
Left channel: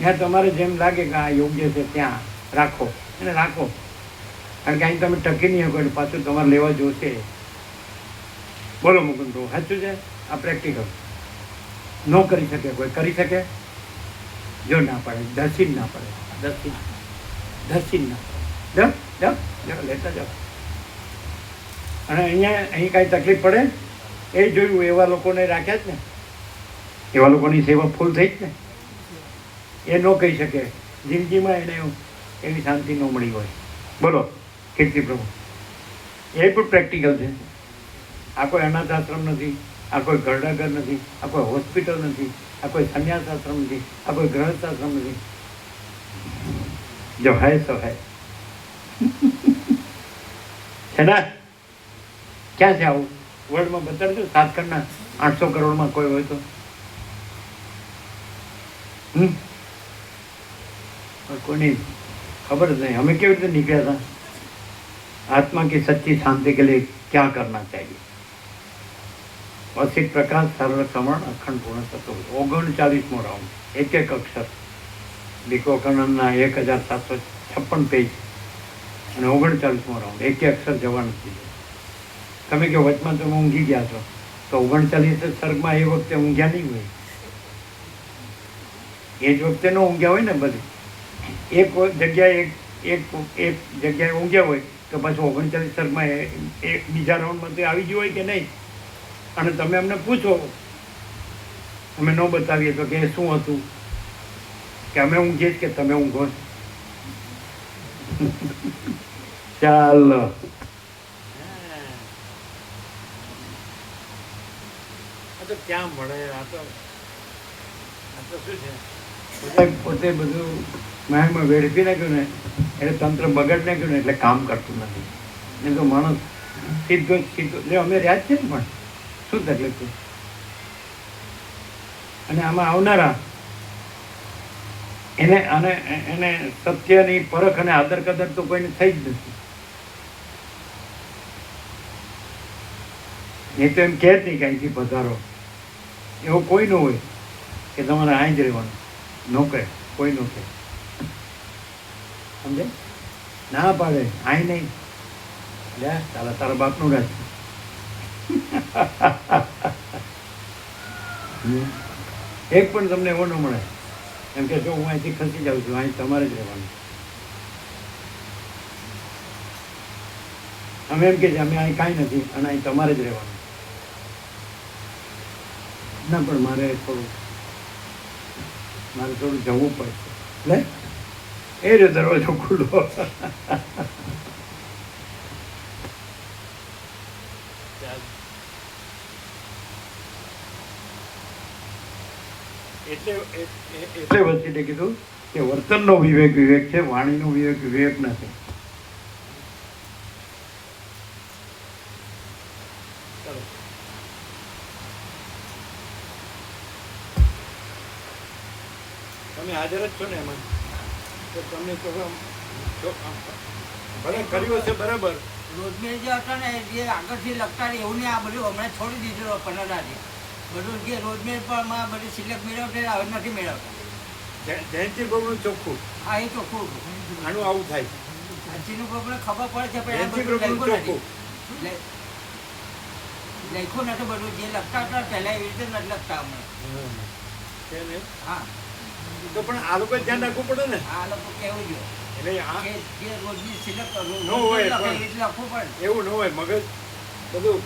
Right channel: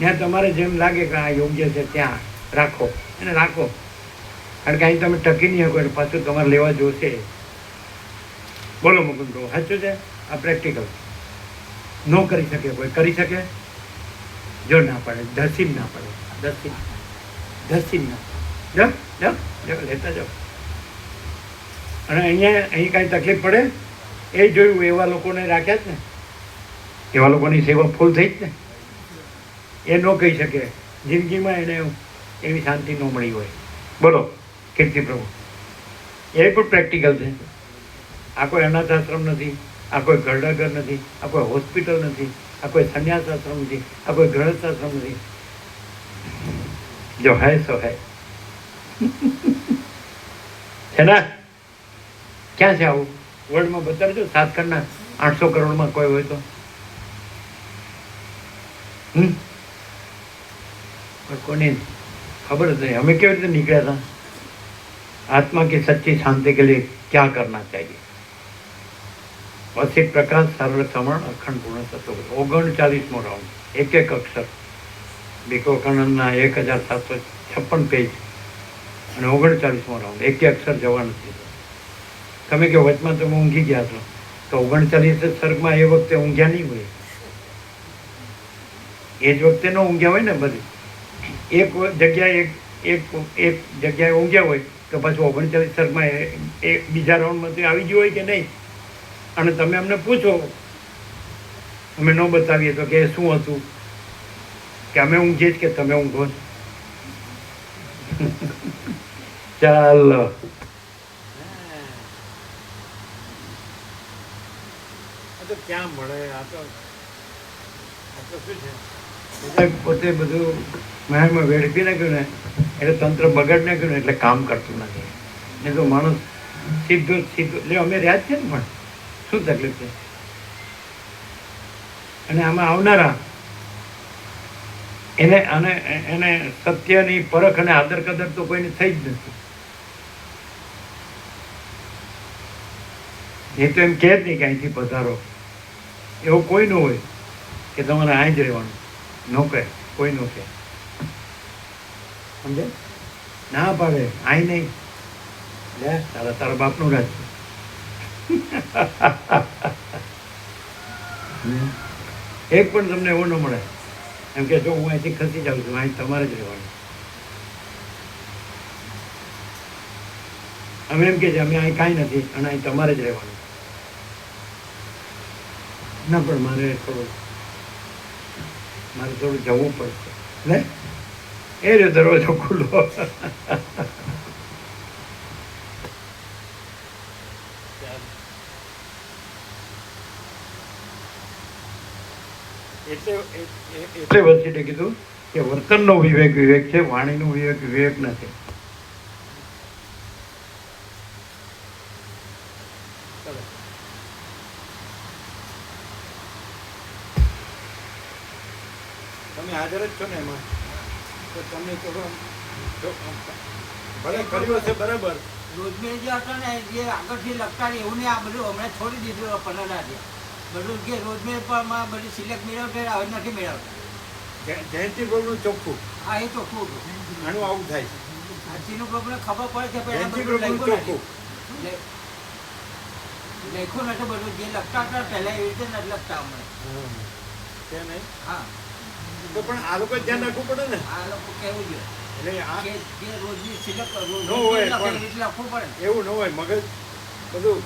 જ્યાં તમારે જેમ લાગે કે આ યોગ્ય છે ત્યાં રાખો અને રાખો. કારણ કે અહીં તમે ટકી નહીં શકો એટલે પાછું તમારે લેવા જોશે. બોલો મુકુંદ, સાચું છે? આ પ્રેક્ટિકલ ન કરી શકે કોઈ, કરી શકે? જો ના પડે ધસી જ ના પડે, ધસી જ ના જાઓ જાઓ જાઓ લેતા જાઓ. અને અહીં કાંઈ તકલીફ પડે એ જોયું, એવા લોકોને રાખ્યા જ ને, એવા લોકોની સેવા ફૂલ થઈ જ ને. એ ન કહી શકે જિંદગીમાં એને એવી શાંતિ ન મળી હોય. બોલો કીર્તિ પ્રભુ, એ પણ પ્રેક્ટિકલ છે. આ કોઈ અનાથ આશ્રમ નથી, આ કોઈ ઘરડાઘર નથી, આ કોઈ હોસ્પિટલ નથી, આ કોઈ સંન્યાસ આશ્રમ નથી, આ કોઈ ગૃહસ્થ આશ્રમ નથી. જો હૈ સો હૈ છે ને? ક્યાં છે આવું? વર્લ્ડમાં બતાડજો. 7 કરોડના 800 કરોડમાં કોઈ હોય તો કોની ખબર જ નહીં. અમે કેવી રીતે નીકળ્યા હતા? आत्मा की सच्ची शांति के लिए क्या करना चाहिए? असित प्रकाश सर्व श्रवण अखंड पूर्ण तत्व 39मो राउंड, एक एक अक्षर વિવેકાનંદના 1756 પેજ અને 39મો રાઉન્ડ, એક અક્ષર જવા નથી. તમે કહો વચમાં તમે ઊંઘી ગયા છો તો 39 સર્ગમાં એ વખતે ઊંઘ્યા નહીં હોય, એ જ વખતે ન ઊંઘ્યા હોય ને. બધી એક જગ્યાએ એક જગ્યાએ ઊંઘ્યા હોય તો પાછું 39 સર્ગમાં એક બીજા રાઉન્ડમાં તો આવી ગયું હોય કે નહીં. અને તમે અમને પૂછો, અમે ન બતાવીએ તો કે શું હતું, કે અમે ઊંઘીએ જ કે તમે ઊંઘો. ચાલો આ તો ક્યાં મળે? આ તો શું છે, બધા પોતે બધું મહેલમાં વેડફી નાખ્યું ને એટલે તંત્ર બગાડી નાખ્યું ને એટલે કામ કરતું નથી. નહીં તો માણસ સીધો એટલે અમે રહ્યા જ છે ને, પણ શું તકલીફ છે? અને આમાં આવનારા એને સત્યની પરખ અને આદર કદર તો કોઈને થઈ જ નથી. એ તો એમ કહે જ નહીં કે અહીંથી પધારો, એવું કોઈ ન હોય કે તમારે અહીં જ રહેવાનું, ન કહે, કોઈ ન કહે, સમજે, ના પાડે અહીં નહીં, લે તારા બાપનું રાજ એક પણ તમને એવો ન મળે એમ કે જો હું અહીંથી ખસી જાઉં છું, અહીં તમારે જ રહેવાનું. અમે એમ કે છે અમે અહીં કાંઈ નથી અને અહીં તમારે જ રહેવાનું. ના પણ મારે થોડું જવું પડશે, લે એ જો દરવાજો ખુલ્લો. એટલે વસીટે કીધું કે વર્તનનો વિવેક વિવેક છે, વાણીનો વિવેક વિવેક નથી. તમે હાજર જ છો ને એમાં, તો તમને ભલે કર્યું હશે બરાબર. રોજમેર જે હતો ને જે આગળથી લખતા ને એવું નહીં, આ બધું હમણાં છોડી દીધું 15 થી. બધું જે રોજમેર પરમાં બધું સિલેક્ટ મેળવશે હવે નથી મેળવતા. જયંતિ પ્રભુનું ચોખ્ખું, આ એ ચોખ્ખું હતું. આનું આવું થાય. જયંતિનું પ્રભુને ખબર પડે છે જયંતિ પ્રભુનું ચોખ્ખું. લખ્યું નતું બધું, જે લખતા હતા પહેલા એવી રીતે નથી લખતા હમણાં. છે નહીં? હા, તો પણ આ લોકો ધ્યાન રાખવું પડે ને. આ લોકો કહેવું જોઈએ એટલે આ કે જે રોજની સિલેક્ટ ન હોય પણ લખવું પડે. એવું ન હોય, મગજ બધું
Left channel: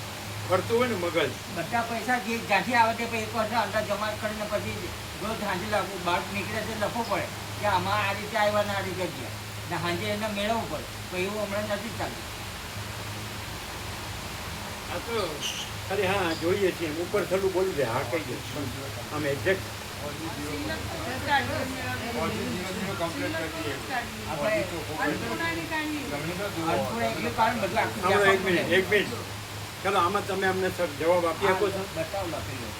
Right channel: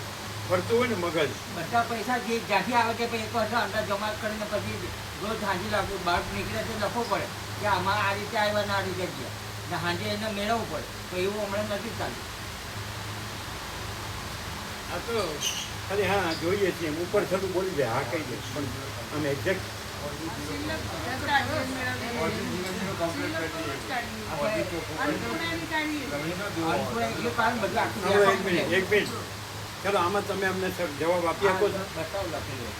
ફરતું હોય ને મગજ. બધા પૈસા જે જ્યાંથી આવે છે એક વર્ષ અંદર જમા કરીને પછી રોજ સાંજે બહાર નીકળે છે લખવું પડે કે આમાં આ રીતે આવ્યા ને આ રીતે ગયા ને સાંજે એને મેળવવું પડે. તો એવું હમણાં નથી ચાલતું. આ તો ખાલી હા જોઈએ છીએ એમ ઉપર થતું બોલી દે, હા કહી દે, પણ આમ એક્ઝેક્ટ એક મિનિટ ચાલો, આમાં તમે અમને જવાબ આપી શકો છો? બતાવ લખેલું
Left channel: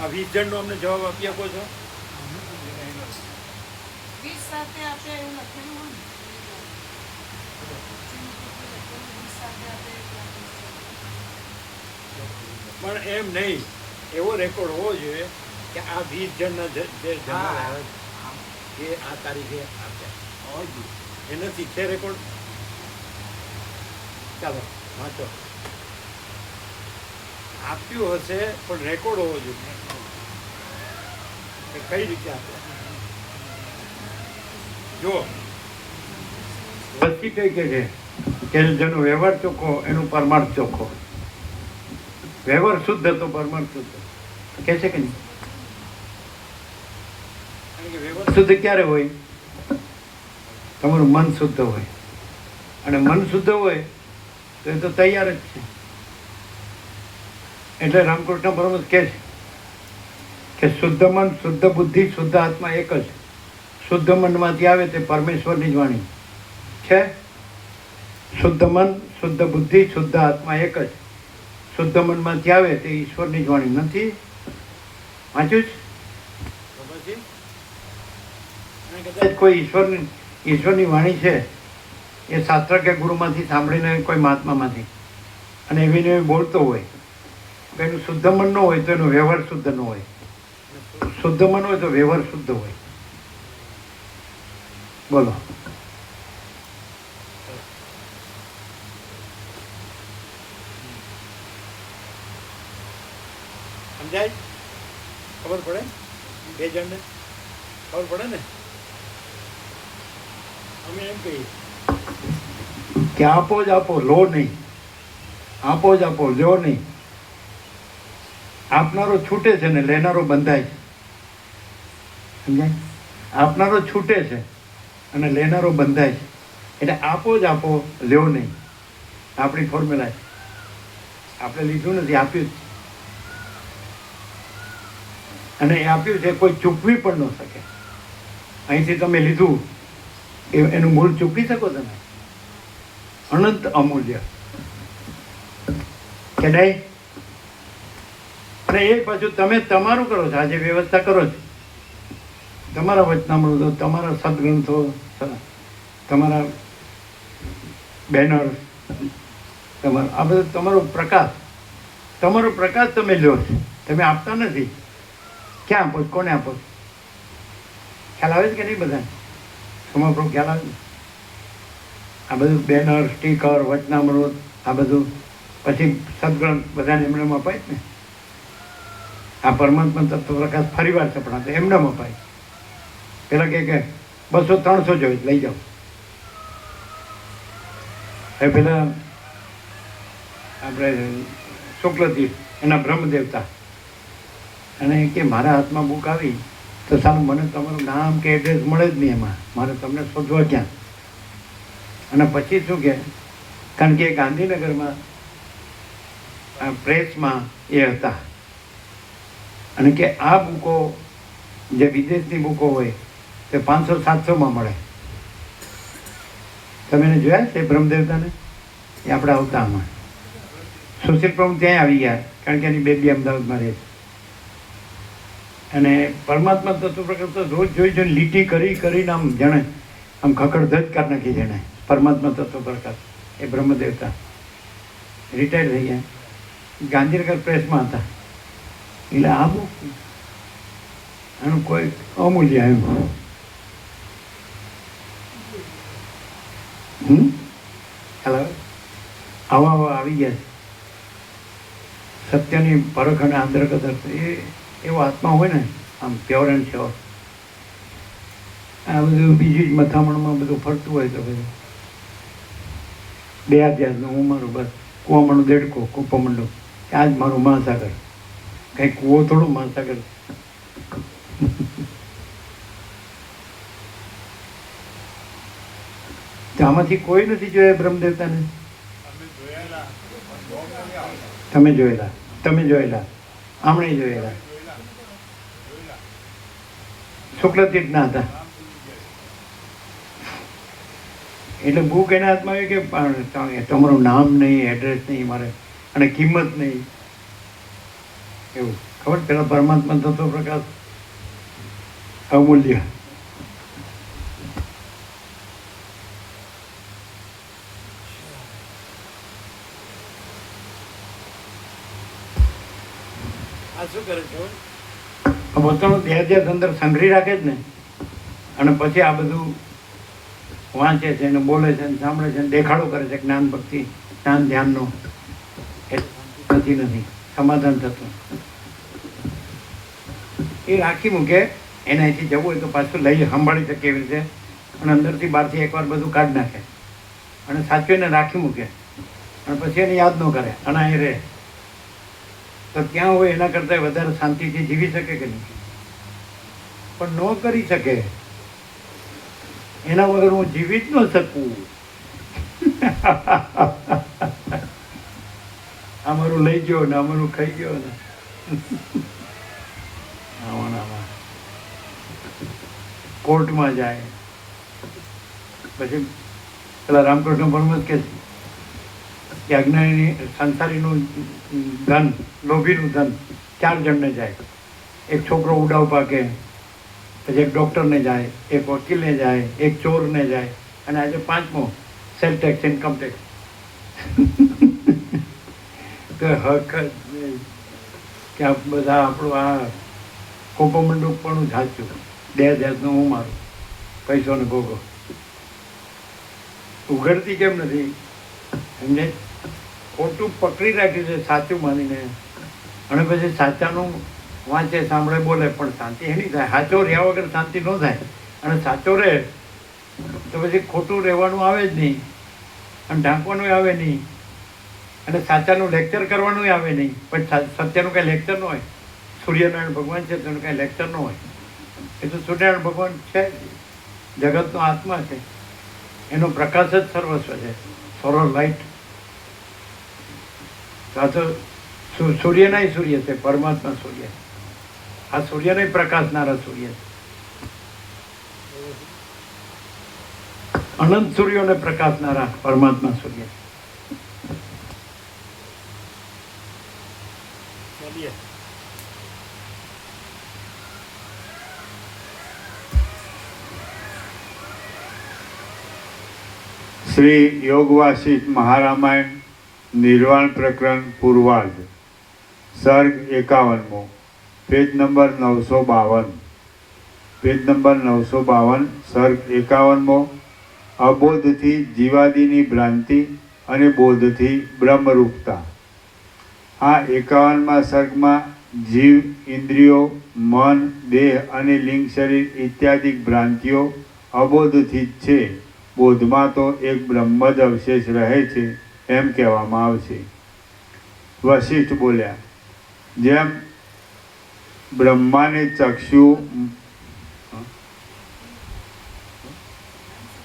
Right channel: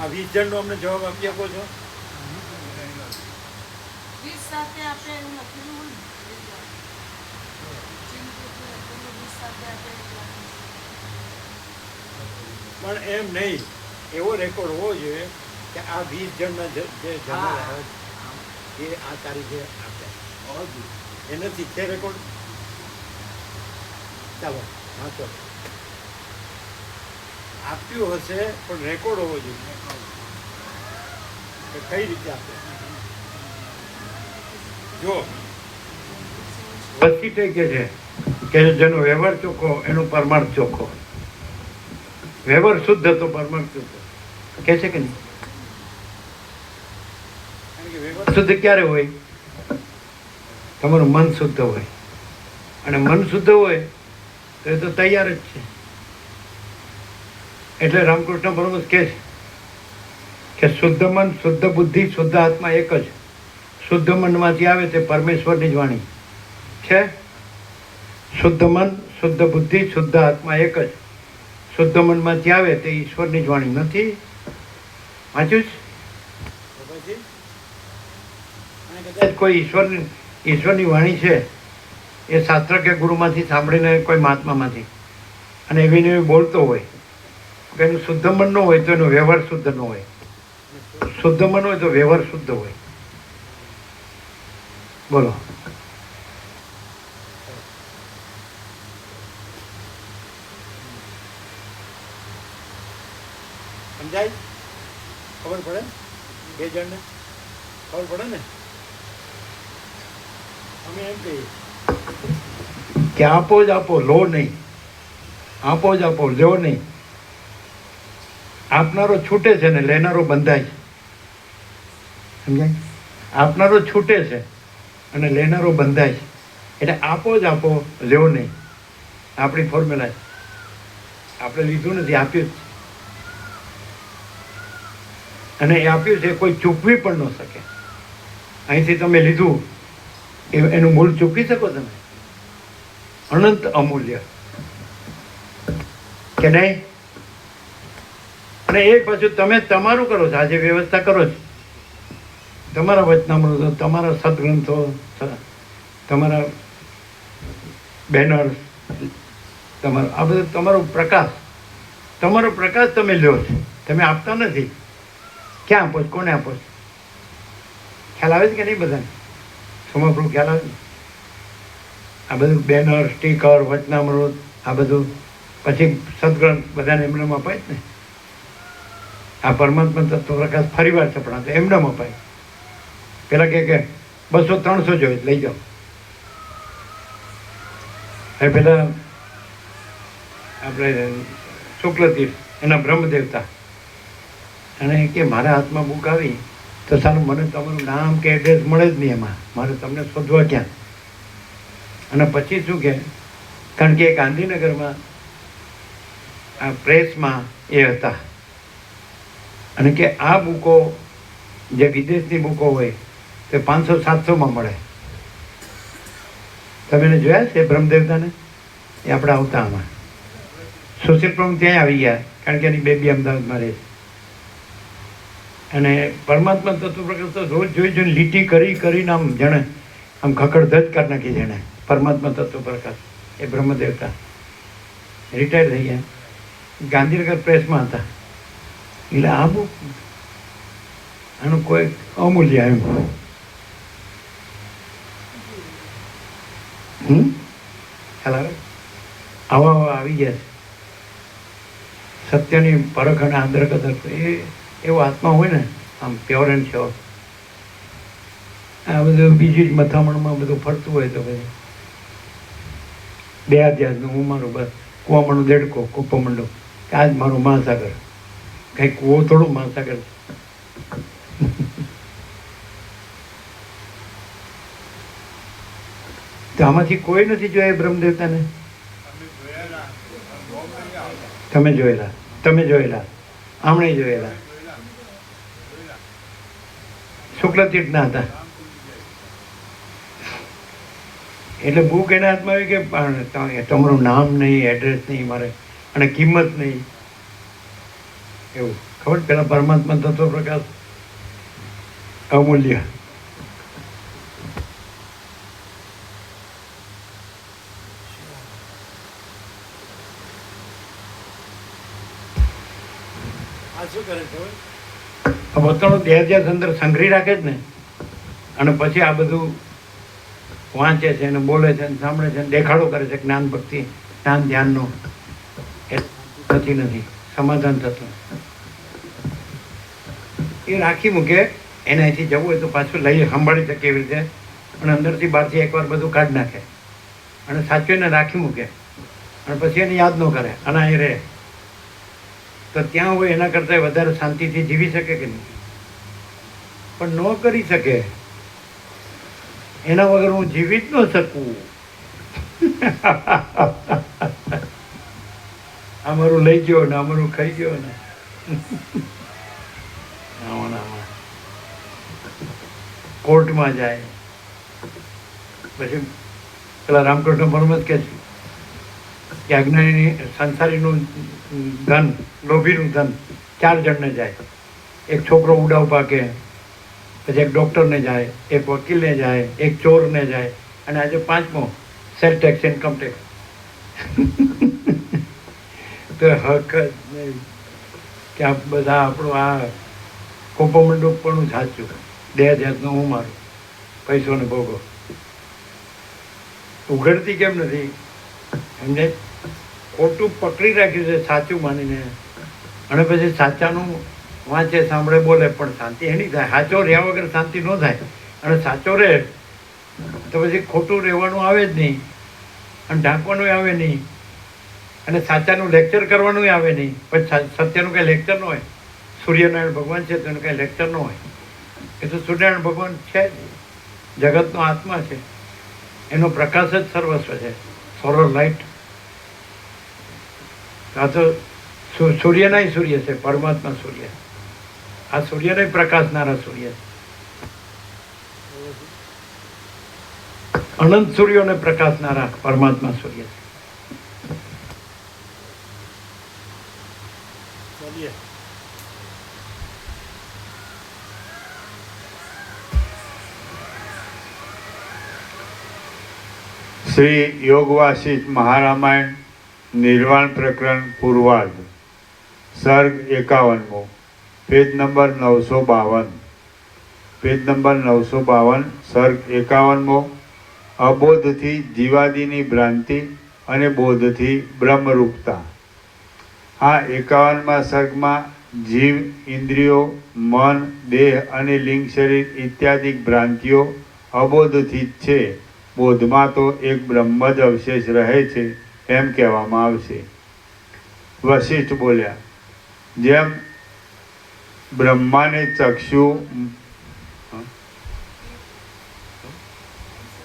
આ 20 જણનો અમને જવાબ આપી શકો છો? 20 સાથે આપે એવું લખેલું હોય ને, 20 સાથે આપે એવું લખેલું. પણ એમ નહીં, એવો રેકોર્ડ હોવો જોઈએ કે આ 20 જણના જે જનરલ આવ્યા છે એ આ તારીખે આપ્યા, એ નથી છે રેકોર્ડ. ચાલો વાંચો, આપ્યું હશે પણ રેકોર્ડ હોવો જોઈએ કે કઈ રીતે આપ્યા. જો વસીટે કે છે કે જેનો વ્યવહાર ચોખ્ખો એનું પરમાર્થ ચોખ્ખો. વ્યવહાર શુદ્ધ તો પરમાર્થ શુદ્ધ કે છે કે નહીં? કારણ કે વ્યવહાર શુદ્ધ ક્યારે હોય? તમારું મન શુદ્ધ હોય, અને મન શુદ્ધ હોય તો એ તો તૈયાર જ છે. એટલે રામકૃષ્ણ પરમહંસ કહે છે કે શુદ્ધ મન, શુદ્ધ બુદ્ધિ, શુદ્ધ આત્મા એક જ. શુદ્ધ મનમાંથી આવે તે પરમેશ્વરની જ વાણી છે. શુદ્ધ મન, શુદ્ધ બુદ્ધિ, શુદ્ધ આત્મા એક જ. શુદ્ધ મનમાંથી આવે તે ઈશ્વરની જ વાણી નથી. વાંચ્યું છે? પછી અને કદાચ કોઈ ઈશ્વરની વાણી છે એ શાસ્ત્ર કે ગુરુમાંથી સાંભળીને કોઈ મહાત્મામાંથી અને એવીને એવી બોલતો હોય તો એનું શુદ્ધ મન ન હોય તો એનો વ્યવહાર શુદ્ધ ન હોય. શુદ્ધ મન હોય તો વ્યવહાર શુદ્ધ હોય. બોલો. સમજાય? ખબર પડે? 2 જણને ખબર પડે ને? અમે એમ કહીએ કે આપો જ આપો, લો નહીં. આપો જ આપો, લો નહીં. આપનારો છૂટે છે ને લેનારો બંધાય છે. સમજાય? આપનારો છૂટે છે અને લેનારો બંધાય છે. એટલે આપો જ આપો, લ્યો નહીં. આપણી ફોર્મ્યુલા છે. આપણે લીધું નથી, આપ્યું જ છે. અને એ આપ્યું છે કોઈ ચૂકવી પણ ન શકે. અહીંથી તમે લીધું એનું મૂળ ચૂકવી શકો તમે? અનંત અમૂલ્ય કે નહીં? અને એ પાછું તમે તમારું કરો છો. આજે વ્યવસ્થા કરો છો, તમારા વચનામૃતો, તમારા સદગ્રંથો, તમારા બેનર, તમારો આ બધું તમારો પ્રકાશ તમારો પ્રકાશ તમે લ્યો છો, તમે આપતા નથી. ક્યાં આપો છો? કોને આપો છો? ખ્યાલ આવે છે કે નહીં બધાને? સમગ્ર ખ્યાલ આવે છે? આ બધું બેનર, સ્ટીકર, વચનામૃત, આ બધું પછી સદગ્રંથ બધાને એમનેમ અપાય ને. આ પરમાત્મા તત્વ પ્રકાશ ફરી વાર છપડા એમનેમ અપાય. પેલા કે 200-300 જોઈએ લઈ જાઓ. હવે પેલા આપણે શુક્લતીર્થ એના બ્રહ્મદેવતા અને કે મારા હાથમાં બુક આવી તો સારું મને તમારું નામ કે એડ્રેસ મળે જ નહીં એમાં, મારે તમને શોધવા ક્યાં? અને પછી શું કે, કારણ કે ગાંધીનગરમાં આ પ્રેસમાં એ હતા અને કે આ બુકો જે વિદેશની બુકો હોય તે 500-700માં મળે. તમે એને જોયા છે બ્રહ્મદેવતાને? એ આપણે આવતા આમાં સુશીલ પ્રમુખ ત્યાં આવી ગયા, કારણ કે એની બેબી અમદાવાદમાં રહે છે. અને પરમાત્મા તત્વ પ્રકાશ તો રોજ જોઈને લીટી કરીને આમ જાણે આમ ખકડધજ કરી નાખી. જાણે પરમાત્મા તત્વ પ્રકાશ એ બ્રહ્મદેવતા રિટાયર થઈ ગયા, ગાંધીનગર પ્રેસમાં હતા. એટલે આ બુક આનું કોઈ અમૂલ્ય આવ્યું. ખ્યાલ આવે? આવા આવી ગયા છે. સત્યની પરખ અને આંધ્રકદર એ એવો આત્મા હોય ને, આમ પ્યોર એન્ડ શ્યોર. આ બધું બીજી જ મથામણમાં બધું ફરતું હોય તો ભાઈ બે અધ્યાસનું હું મારું બસ કુવામણું દેડકો કૂપમંડો કે આજ મારો મહાસાગર. કંઈ કૂવો થોડું મહાસાગર. તો આમાંથી કોઈ નથી જોયા બ્રહ્મદેવતાને? તમે જોયેલા, આમણે જોયેલા. શુક્લતીર્થના હતા. એટલે બુક એના હાથમાં આવી કે તમારું નામ નહીં, એડ્રેસ નહીં મારે, અને કિંમત નહીં. એવું ખબર? પેલા પરમાત્મા તત્વ પ્રકાશ અમૂલ્ય. આ શું કરે છે? પોતાનો દેહ અંદર સંઘરી રાખે જ ને, અને પછી આ બધું વાંચે છે ને બોલે છે ને સાંભળે છે ને દેખાડો કરે છે જ્ઞાન ભક્તિ જ્ઞાન ધ્યાનનો. એ નથી સમાધાન થતું. એ રાખી મૂકે. એને અહીંથી જવું હોય તો પાછું લઈ સંભાળી શકે એવી રીતે, અને અંદરથી બહારથી એકવાર બધું કાઢી નાખે અને સાચવીને રાખી મૂકે, અને પછી એને યાદ ન કરે અને અહીં રહે. તો ત્યાં હોય એના કરતાં વધારે શાંતિથી જીવી શકે કે નહીં? પણ ન કરી શકે. એના વગર હું જીવી જ ન શકું. અમારું લઈ ગયો ને અમારું ખાઈ ગયો ને. કોર્ટમાં જાય પછી પેલા રામકૃષ્ણ પરમહંસ કહે છે કે અજ્ઞાની સંસારીનું ધન, લોભીનું ધન 4 જણને જાય. એક છોકરો ઉડાવ પાકે, પછી એક ડૉક્ટરને જાય, એક વકીલને જાય, એક ચોરને જાય, અને આજે 5મો સેલ ટેક્સ, ઇન્કમ ટેક્સ. તો હક જ નહીં કે આ બધા આપણું આ કોપમંડુક પણ સાચું. દેહ જાતનું હું મારું પૈસોને ભોગો. ઉઘડતી કેમ નથી? એમને ખોટું પકડી રાખ્યું છે સાચું માનીને, અને પછી સાચાનું વાંચે, સાંભળે, બોલે, પણ શાંતિ એની થાય. સાચો રહ્યા વગર શાંતિ ન થાય. અને સાચો રહે તો પછી ખોટું રહેવાનું આવે જ નહીં, અને ઢાંકવાનું આવે નહીં, અને સાચાનું લેક્ચર કરવાનું આવે નહીં. પણ સત્યનું કાંઈ લેક્ચર ન હોય. સૂર્યનારાયણ ભગવાન છે તેનું કાંઈ લેક્ચર ન હોય. એ તો સૂર્યનારાયણ ભગવાન છે, જગતનો આત્મા છે, એનો પ્રકાશ જ સર્વસ્વ છે, સોલર લાઇટ. આ તો સૂર્ય નહીં સૂર્ય છે, પરમાત્મા સૂર્ય. આ સૂર્ય નહીં પ્રકાશનારા સૂર્ય. અનંત સૂર્યોને પ્રકાશનારા પરમાત્મા સૂર્ય. શ્રી યોગવાસિત મહારામાયણ નિર્વાણ પ્રકરણ પૂર્વાર્ધ. સર્ગ 51મો, પેજ નંબર 952. Page number 952, સર્ગ 51મો. અબોધથી જીવાદિની ભ્રાંતિ અને બોધથી બ્રહ્મરૂપતા. આ 51મા સર્ગમાં જીવ, ઇન્દ્રિયો, મન, દેહ અને લિંગ શરીર ઇત્યાદિ ભ્રાંતિઓ અબોધથી જ છે. બોધમાં તો એક બ્રહ્મ જ અવશેષ રહે છે એમ કહેવામાં આવશે. વશિષ્ઠ બોલ્યા, જેમ બ્રહ્માને ચક્ષુ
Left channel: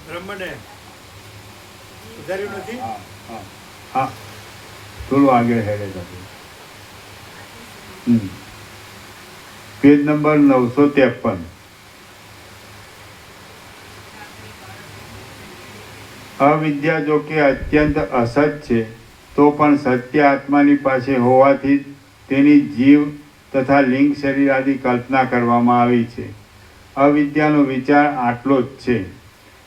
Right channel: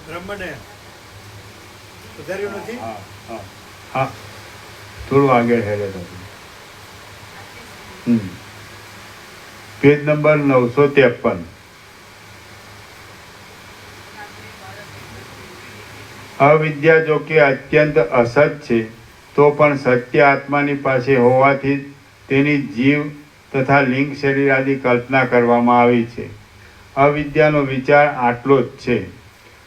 બ્રહ્મને સુધાર્યું નથી. હા, થોડું આગળ હેડે તો. Page number 953. અવિદ્યા જો કે અત્યંત અસત છે, તો પણ સત્ય આત્માની પાસે હોવાથી તેની જીવ તથા લિંગ શરીર આદિ કલ્પના કરવામાં આવી છે. અવિદ્યાનો વિચાર આટલો જ છે.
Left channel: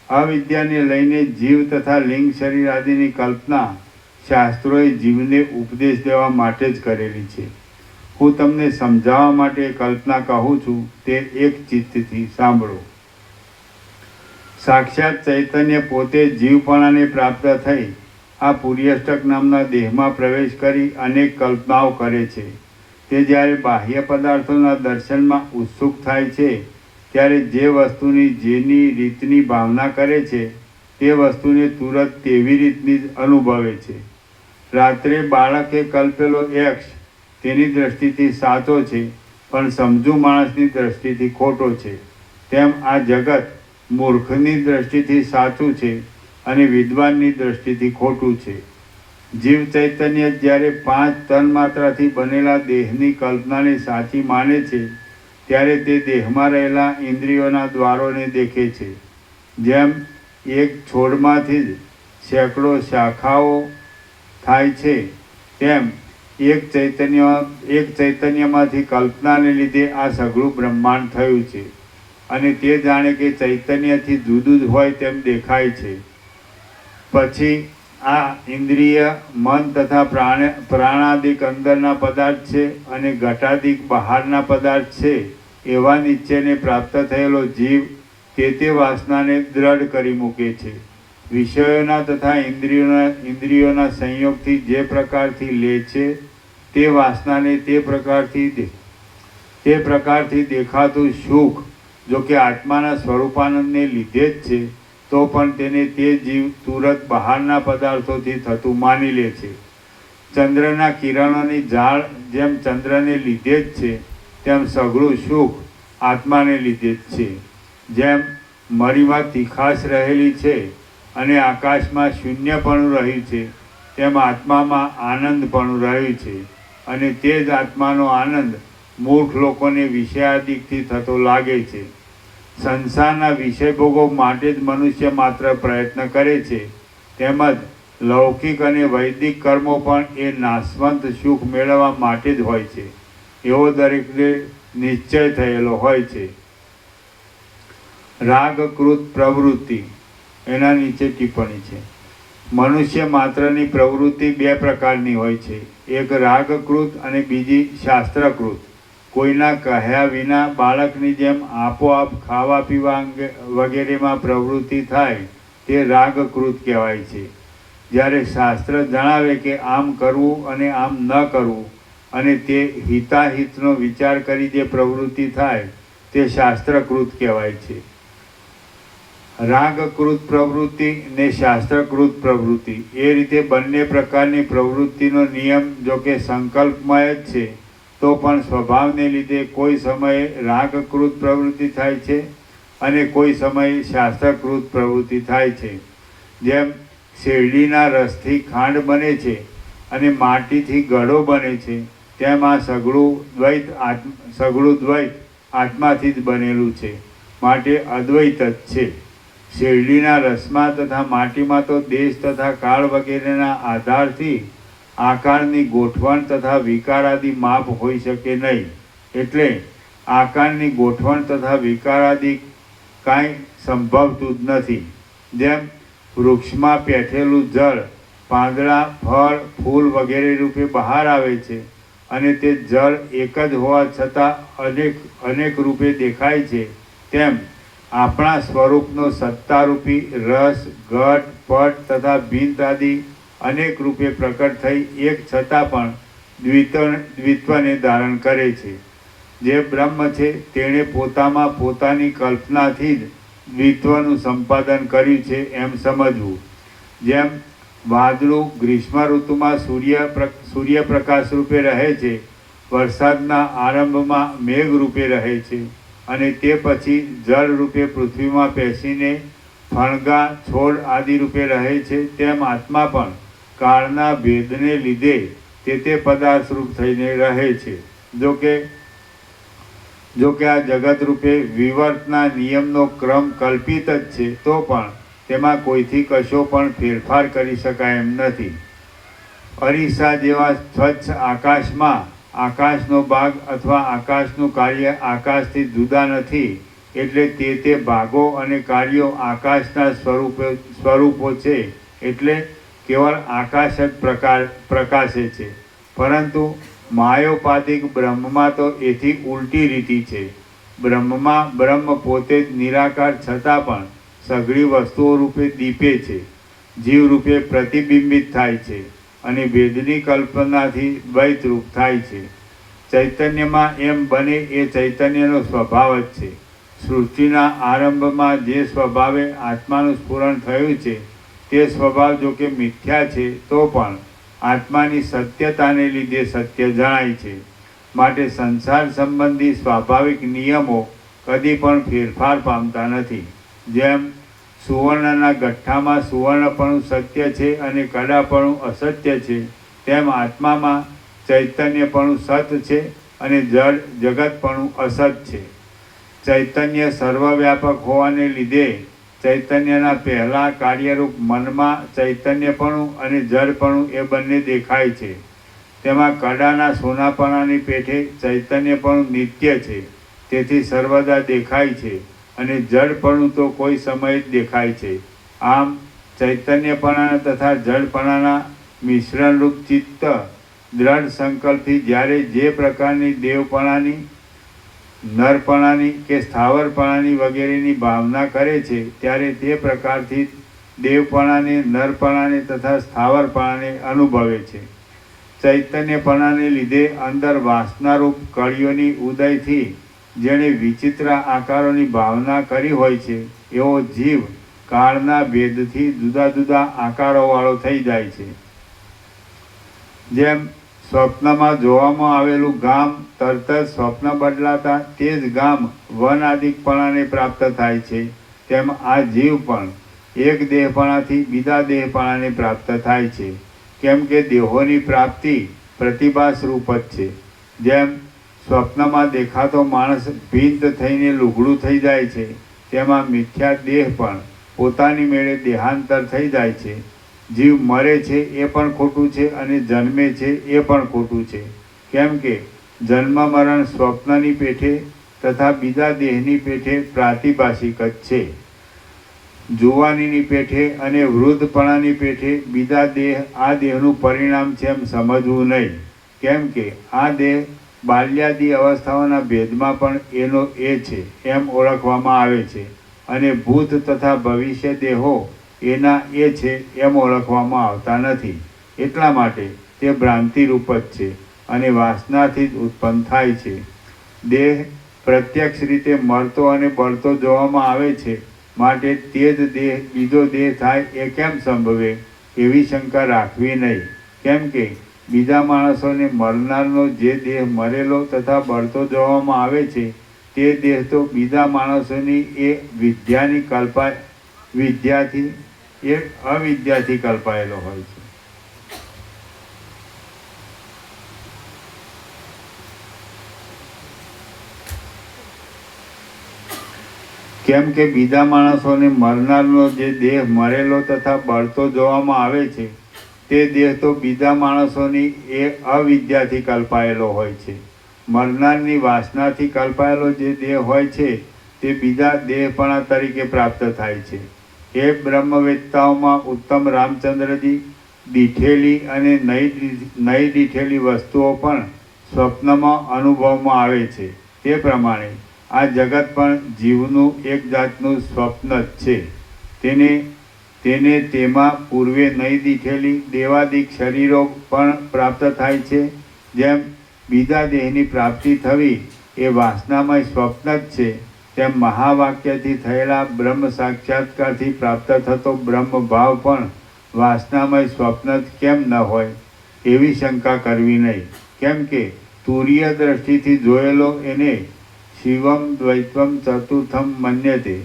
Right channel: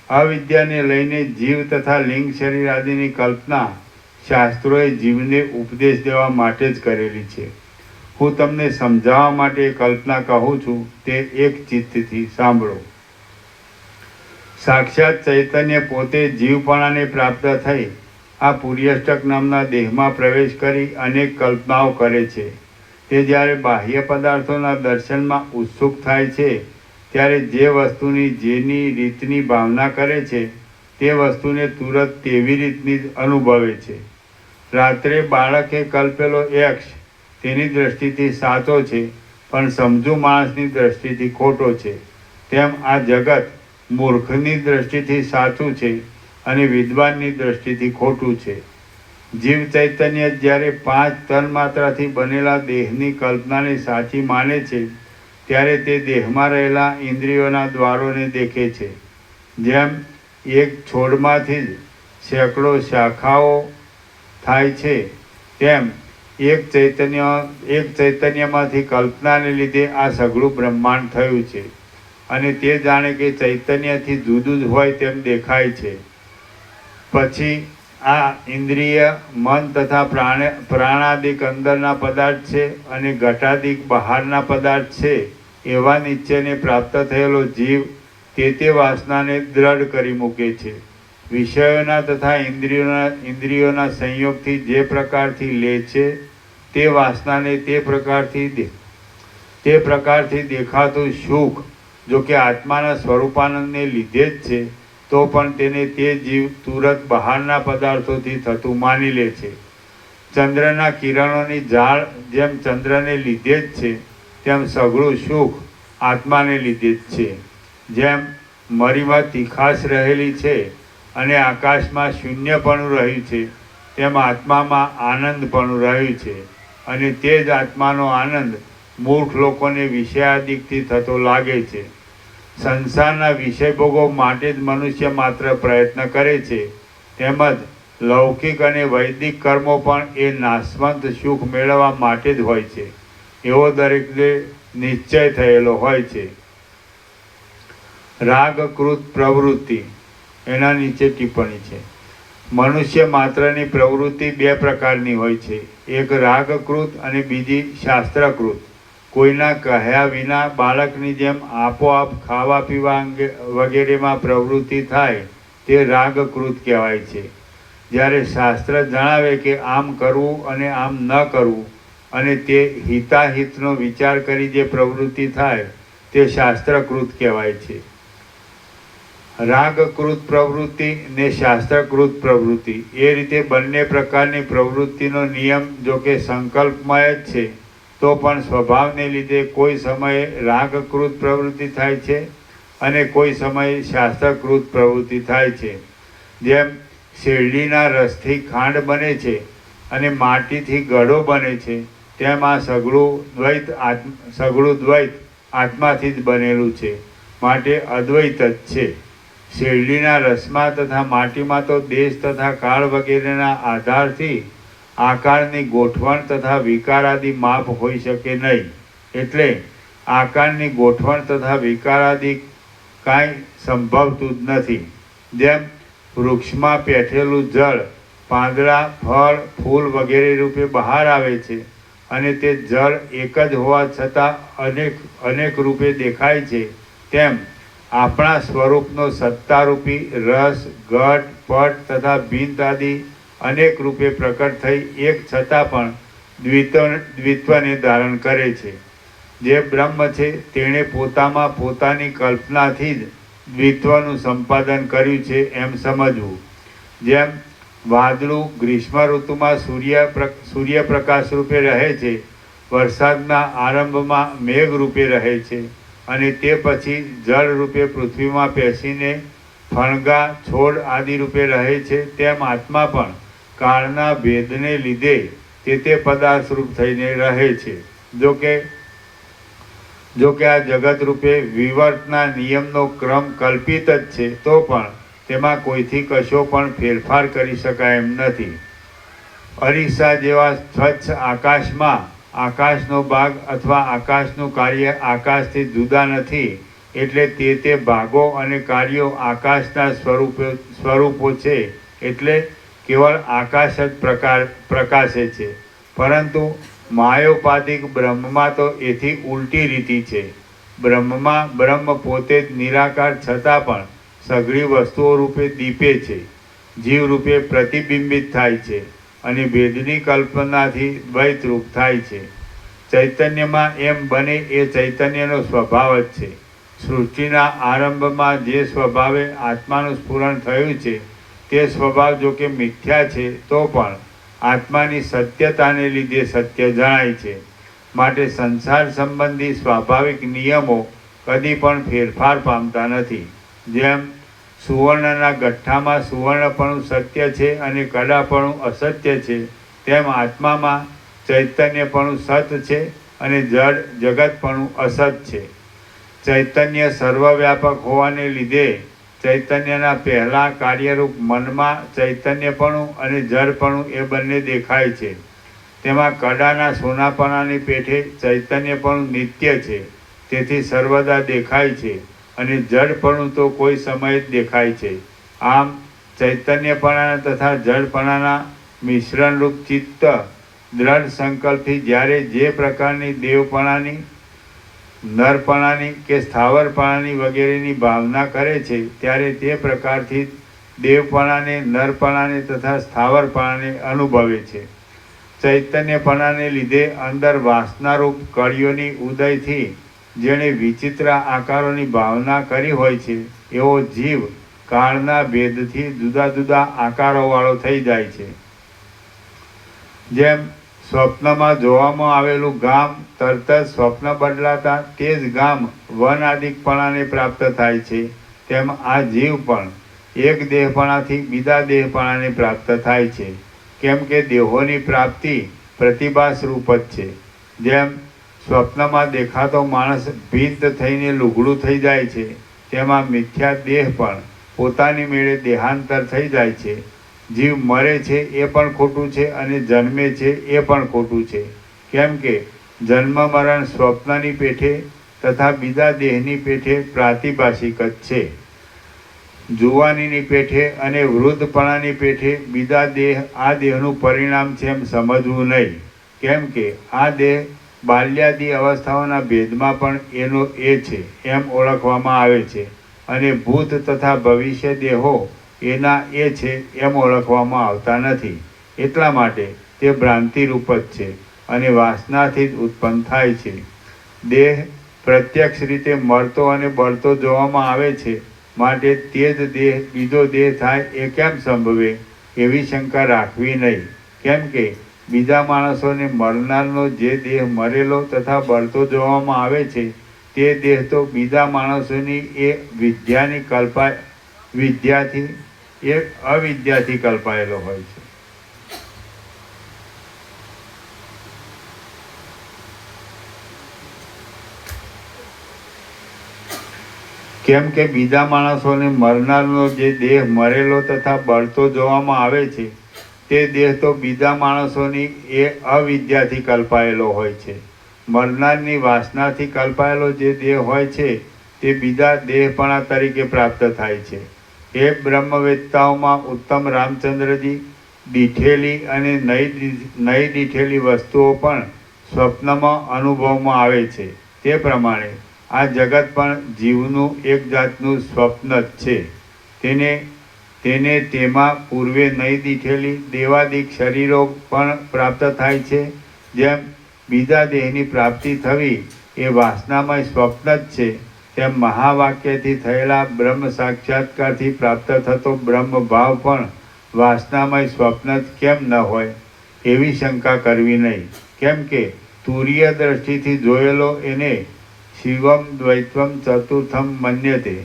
અવિદ્યાને લઈને જીવ તથા લિંગ શરીર આદિની કલ્પના શાસ્ત્રોએ જીવને ઉપદેશ દેવા માટે જ કરેલી છે. હું તમને સમજાવવા માટે કલ્પના કહું છું, તે એક ચિત્તથી સાંભળો. સાક્ષાત ચૈતન્ય પોતે જીવપણાને પ્રાપ્ત થઈ આ પુર્યષ્ટક નામના દેહમાં પ્રવેશ કરી અનેક કલ્પનાઓ કરે છે. તે જ્યારે બાહ્ય પદાર્થોના દર્શનમાં ઉત્સુક થાય છે, ત્યારે જે વસ્તુની જેની રીતની ભાવના કરે છે તે વસ્તુને તુરત તેવી રીતની જ અનુભવે છે. રાત્રે બાળકે કલ્પેલો યક્ષ તેની દ્રષ્ટિથી સાચો છે, પણ સમજુ માણસની દ્રષ્ટિથી ખોટો છે. તેમ આ જગત મૂર્ખની દ્રષ્ટિથી સાચું છે અને વિદ્વાનની દ્રષ્ટિથી ખોટું છે. જીવ ચૈતન્ય જ્યારે 5 તન્માત્રાથી બનેલા દેહની કલ્પનાને સાચી માને છે, ત્યારે તે દેહમાં રહેલા ઇન્દ્રિયોના દ્વારોને દેખે છે. જેમ એક છોડમાંથી જ સેંકડો શાખાઓ થાય છે, તેમ એક ચૈતન્યમાંથી કલ્પનાને લીધે આ સઘળું બ્રહ્માંડ થયું છે. અને તે જાણે કે ચૈતન્યથી જુદું જ હોય તેમ દેખાય છે. પછી આ ઇન્દ્રિય, મન તથા પ્રાણાદિક અંદરના પદાર્થ છે અને ઘટાદિક બહારના પદાર્થ છે. એવા નિશ્ચયને પ્રાપ્ત થયેલો જીવ તે વાસનાને દ્રઢ કરી મૂકે છે. વિષયોના તથા ઇન્દ્રિયોના સંયોગથી જે પ્રકારથી લે છે તે વાસનાને તે પ્રકારથી દેખાતું સુખ જો કે આત્માના સ્વરૂપાનંદને લીધે જ છે, તો પણ તેને તે જીવ તુરત બહારના પદાર્થોથી થતું માની લે છે. ચંદ્રના કિરણોની ઝાળ જેમ ચંદ્રને લીધે જ છે, તેમ સઘળું સુખ આત્માને લીધે જ છે. જેમ મરીમાં તીખાશ રહેલી છે અને આકાશમાં શૂન્યપણું રહ્યું છે, તેમ આત્મામાં આનંદપણું રહ્યું છે. અને તે જ આત્માનો આનંદ મૂર્ખ લોકોને વિષયાદિકથી થતો લાગે છે. સંસારના વિષયભોગો માટે જ મનુષ્ય માત્ર પ્રયત્ન કરે છે. તેમજ લૌકિક અને વૈદિક કર્મો પણ એ નાશવંત સુખ મેળવવા માટે જ હોય છે, એવો દરેકને નિશ્ચય થયેલો હોય છે. રાગકૃત પ્રવૃત્તિ. એના નીચે ટિપ્પણી છે. મનુષ્ય માત્રની પ્રવૃત્તિ 2 પ્રકારની હોય છે, એક રાગકૃત અને બીજી શાસ્ત્રકૃત. કોઈના કહ્યા વિના બાળકની જેમ આપોઆપ ખાવા પીવા વગેરેમાં પ્રવૃત્તિ થાય તે રાગકૃત કહેવાય છે. જ્યારે શાસ્ત્ર જણાવે કે આમ કરવું અને આમ ન કરવું અને તે હિતાહિતનો વિચાર કરી જે પ્રવૃત્તિ થાય તે શાસ્ત્રકૃત કહેવાય છે. રાગકૃત પ્રવૃત્તિ ને શાસ્ત્રકૃત પ્રવૃત્તિ એ રીતે બંને પ્રકારની પ્રવૃત્તિનો નિયમ જો કે સંકલ્પમય જ છે, તો પણ સ્વભાવને લીધે કોઈ સમયે રાગકૃત પ્રવૃત્તિ થાય છે અને કોઈ સમયે શાસ્ત્રકૃત પ્રવૃત્તિ થાય છે. જેમ શેરડીના રસથી ખાંડ બને છે અને માટીથી ગળો બને છે, તેમ આ સઘળું દ્વૈત આત્માથી જ બનેલું છે, માટે અદ્વૈત જ છે. શેરડીના રસમાં તથા માટીમાં તો દેશ તથા કાળ વગેરેના આધારથી આકારની ગોઠવણ તથા વિકાર આદિ માપ હોઈ શકે નહીં. એટલે આકારની ગોઠવણ તથા વિકાર આદિ કાંઈ સંભવતું જ નથી. જેમ વૃક્ષમાં પેઠેલું જળ પાંદડા, ફળ, ફૂલ વગેરે રૂપે બહાર આવે છે, અને તે જળ એક જ હોવા છતાં અનેક રૂપે દેખાય છે, તેમ આપણા સ્વરૂપનો સત્તારૂપી રસ, ઘટ, પટ તથા ભીંત આદિ અનેક રૂપે પ્રકટ થઈ એક છતાં પણ દ્વિત્વને ધારણ કરે છે. જે બ્રહ્મ છે તેણે પોતામાં પોતાની કલ્પનાથી જ દ્વિત્વનું સંપાદન કર્યું છે એમ સમજવું. જેમ વાદળું ગ્રીષ્મ ઋતુમાં સૂર્યપ્રકાશ રૂપે રહે છે, વરસાદના આરંભમાં મેઘ રૂપે રહે છે અને તે પછી જળ રૂપે પૃથ્વીમાં પેસીને ફણગા, છોડ આદિ રૂપે રહે છે, તેમ આત્મા પણ કાળના ભેદને લીધે તે પદાર્થ રૂપ થઈને રહે છે. જો કે આ જગત રૂપે વિવર્તના નિયમનો ક્રમ કલ્પિત જ છે, તો પણ તેમાં કોઈથી કશો પણ ફેરફાર કરી શકાય એમ નથી. અરીસા જેવા સ્વચ્છ આકાશમાં આકાશનો ભાગ અથવા આકાશનું કાર્ય આકાશથી જુદા નથી, એટલે તે ભાગો અને કાર્યો આકાશના સ્વરૂપો છે, એટલે કેવળ આકાશ જ પ્રકાશે છે. પરંતુ માયોપાધિક બ્રહ્મમાં તો એથી ઉલટી રીતિ છે. બ્રહ્મમાં બ્રહ્મ પોતે જ નિરાકાર છતાં પણ સઘળી વસ્તુઓ રૂપે દીપે છે, જીવ રૂપે પ્રતિબિંબિત થાય છે અને ભેદની કલ્પનાથી દ્વૈતરૂપ થાય છે. ચૈતન્યમાં એમ બને એ ચૈતન્યનો સ્વભાવ જ છે. સૃષ્ટિના આરંભમાં જે સ્વભાવે આત્માનું સ્ફુરણ થયું છે તે સ્વભાવ જો કે મિથ્યા છે, તો પણ આત્માની સત્યતાને લીધે સત્ય જણાય છે. માટે સંસાર સંબંધી સ્વાભાવિક નિયમો કદી પણ ફેરફાર પામતા નથી. જેમ સુવર્ણના ગઠ્ઠામાં સુવર્ણપણું સત્ય છે અને કડાપણું અસત્ય છે, તેમ આત્મામાં ચૈતન્યપણું સત છે અને જગતપણું અસત છે. ચૈતન્ય સર્વવ્યાપક હોવાને લીધે ચૈતન્યના પહેલા કાર્યરૂપ મનમાં ચૈતન્યપણું અને જડપણું એ બંને દેખાય છે. તેમાં કડાના સોનાપણાની પેઠે ચૈતન્યપણું નિત્ય છે, તેથી સર્વદા દેખાય છે અને જડપણું તો કોઈ સમયે જ દેખાય છે. આમ ચૈતન્યપણાના તથા જડપણાના મિશ્રણરૂપ ચિત્ત દ્રઢ સંકલ્પથી જ્યારે જે પ્રકારની દેવપણાની, નરપણાની કે સ્થાવરપણાની વગેરેની ભાવના કરે છે, ત્યારે તે પ્રકારથી દેવપણાને, નરપણાને તથા સ્થાવરપણાને અનુભવે છે. ચૈતન્યપણાને લીધે અંદર વાસનારૂપ કળીઓની ઉદયથી જેણે વિચિત્ર આકારોની ભાવના કરી હોય છે, એવો જીવ કાળના ભેદથી જુદા જુદા આકારોવાળો થઈ જાય છે. જેમ સ્વપ્નમાં જોવામાં આવેલું ગામ તરત જ સ્વપ્ન બદલાતા તે જ ગામ વનાદિકપણાને પ્રાપ્ત થાય છે, તેમ આ જીવ પણ એક દેહપણાથી બીજા દેહપણાને પ્રાપ્ત થાય છે. કેમ કે દેહોની પ્રાપ્તિ પ્રતિભાસ રૂપ જ છે. જેમ સ્વપ્નમાં દેખાતો માણસ ભીંત થઈને લુગડું થઈ જાય છે, તેમાં મિથ્યા દેહ પણ પોતાની મેળે દેહાંતર થઈ જાય છે. જીવ મરે છે એ પણ ખોટું છે અને જન્મે છે એ પણ ખોટું છે. કેમ કે જન્મ મરણ સ્વપ્નની પેઠે તથા બીજા દેહની પેઠે પ્રાતિભાષિક જ છે. જુવાનીની પેઠે અને વૃદ્ધપણાની પેઠે બીજા દેહ આ દેહનું પરિણામ છે એમ સમજવું નહીં. કેમ કે આ દેહ બાલ્યાદી અવસ્થાઓના ભેદમાં પણ એનો એ છે એમ ઓળખવામાં આવે છે અને ભૂત તથા ભવિષ્ય દેહો એના એ છે એમ ઓળખવામાં આવતા નથી. એટલા માટે તે ભ્રાંતિરૂપ જ છે અને વાસનાથી જ ઉત્પન્ન થાય છે. દેહ પ્રત્યક્ષ રીતે મળતો અને બળતો જોવામાં આવે છે, માટે તે જ દેહ બીજો દેહ થાય એ કેમ સંભવે એવી શંકા રાખવી નહીં. કેમ કે બીજા માણસોને મરનારનો જે દેહ મરેલો તથા બળતો જોવામાં આવે છે, તે દેહ તો બીજા માણસોની એ અવિદ્યાથી કલ્પાયેલો હોય છે. કેમ કે બીજા માણસોને મરનારનો જે દેહ મરેલો તથા બળતો જોવામાં આવે છે, તે દેહ તો બીજા માણસોની એ અવિદ્યાથી કલ્પાયેલો હોય છે. મરનારની વાસનાથી કલ્પાયેલો જે દેહ હોય છે, તે બીજા દેહપણા તરીકે પ્રાપ્ત થાય છે. એ બ્રહ્મવેત્તાઓમાં ઉત્તમ રામચંદ્રજી દીઠેલી અને નહીં દીઠેલી વસ્તુઓ પણ સ્વપ્નમાં અનુભવમાં આવે છે. તે પ્રમાણે આ જગત પણ જીવનું એક જાતનું સ્વપ્ન જ છે. તેને તેમાં પૂર્વે નહીં દીઠેલી દેવાદિક શરીરો પણ પ્રાપ્ત થાય છે. જેમ બીજા દેહની પ્રાપ્તિ થવી એ વાસનામય સ્વપ્ન જ છે, તેમ મહાવાક્યથી થયેલા બ્રહ્મ સાક્ષાત્કારથી પ્રાપ્ત થતો બ્રહ્મ ભાવ પણ વાસનામય સ્વપ્ન જ કેમ ન હોય એવી શંકા કરવી નહીં. કેમ કે તુરીય દ્રષ્ટિથી જોયેલો એને શિવમ દ્વૈત્વમ ચતુર્થમ મન્યતે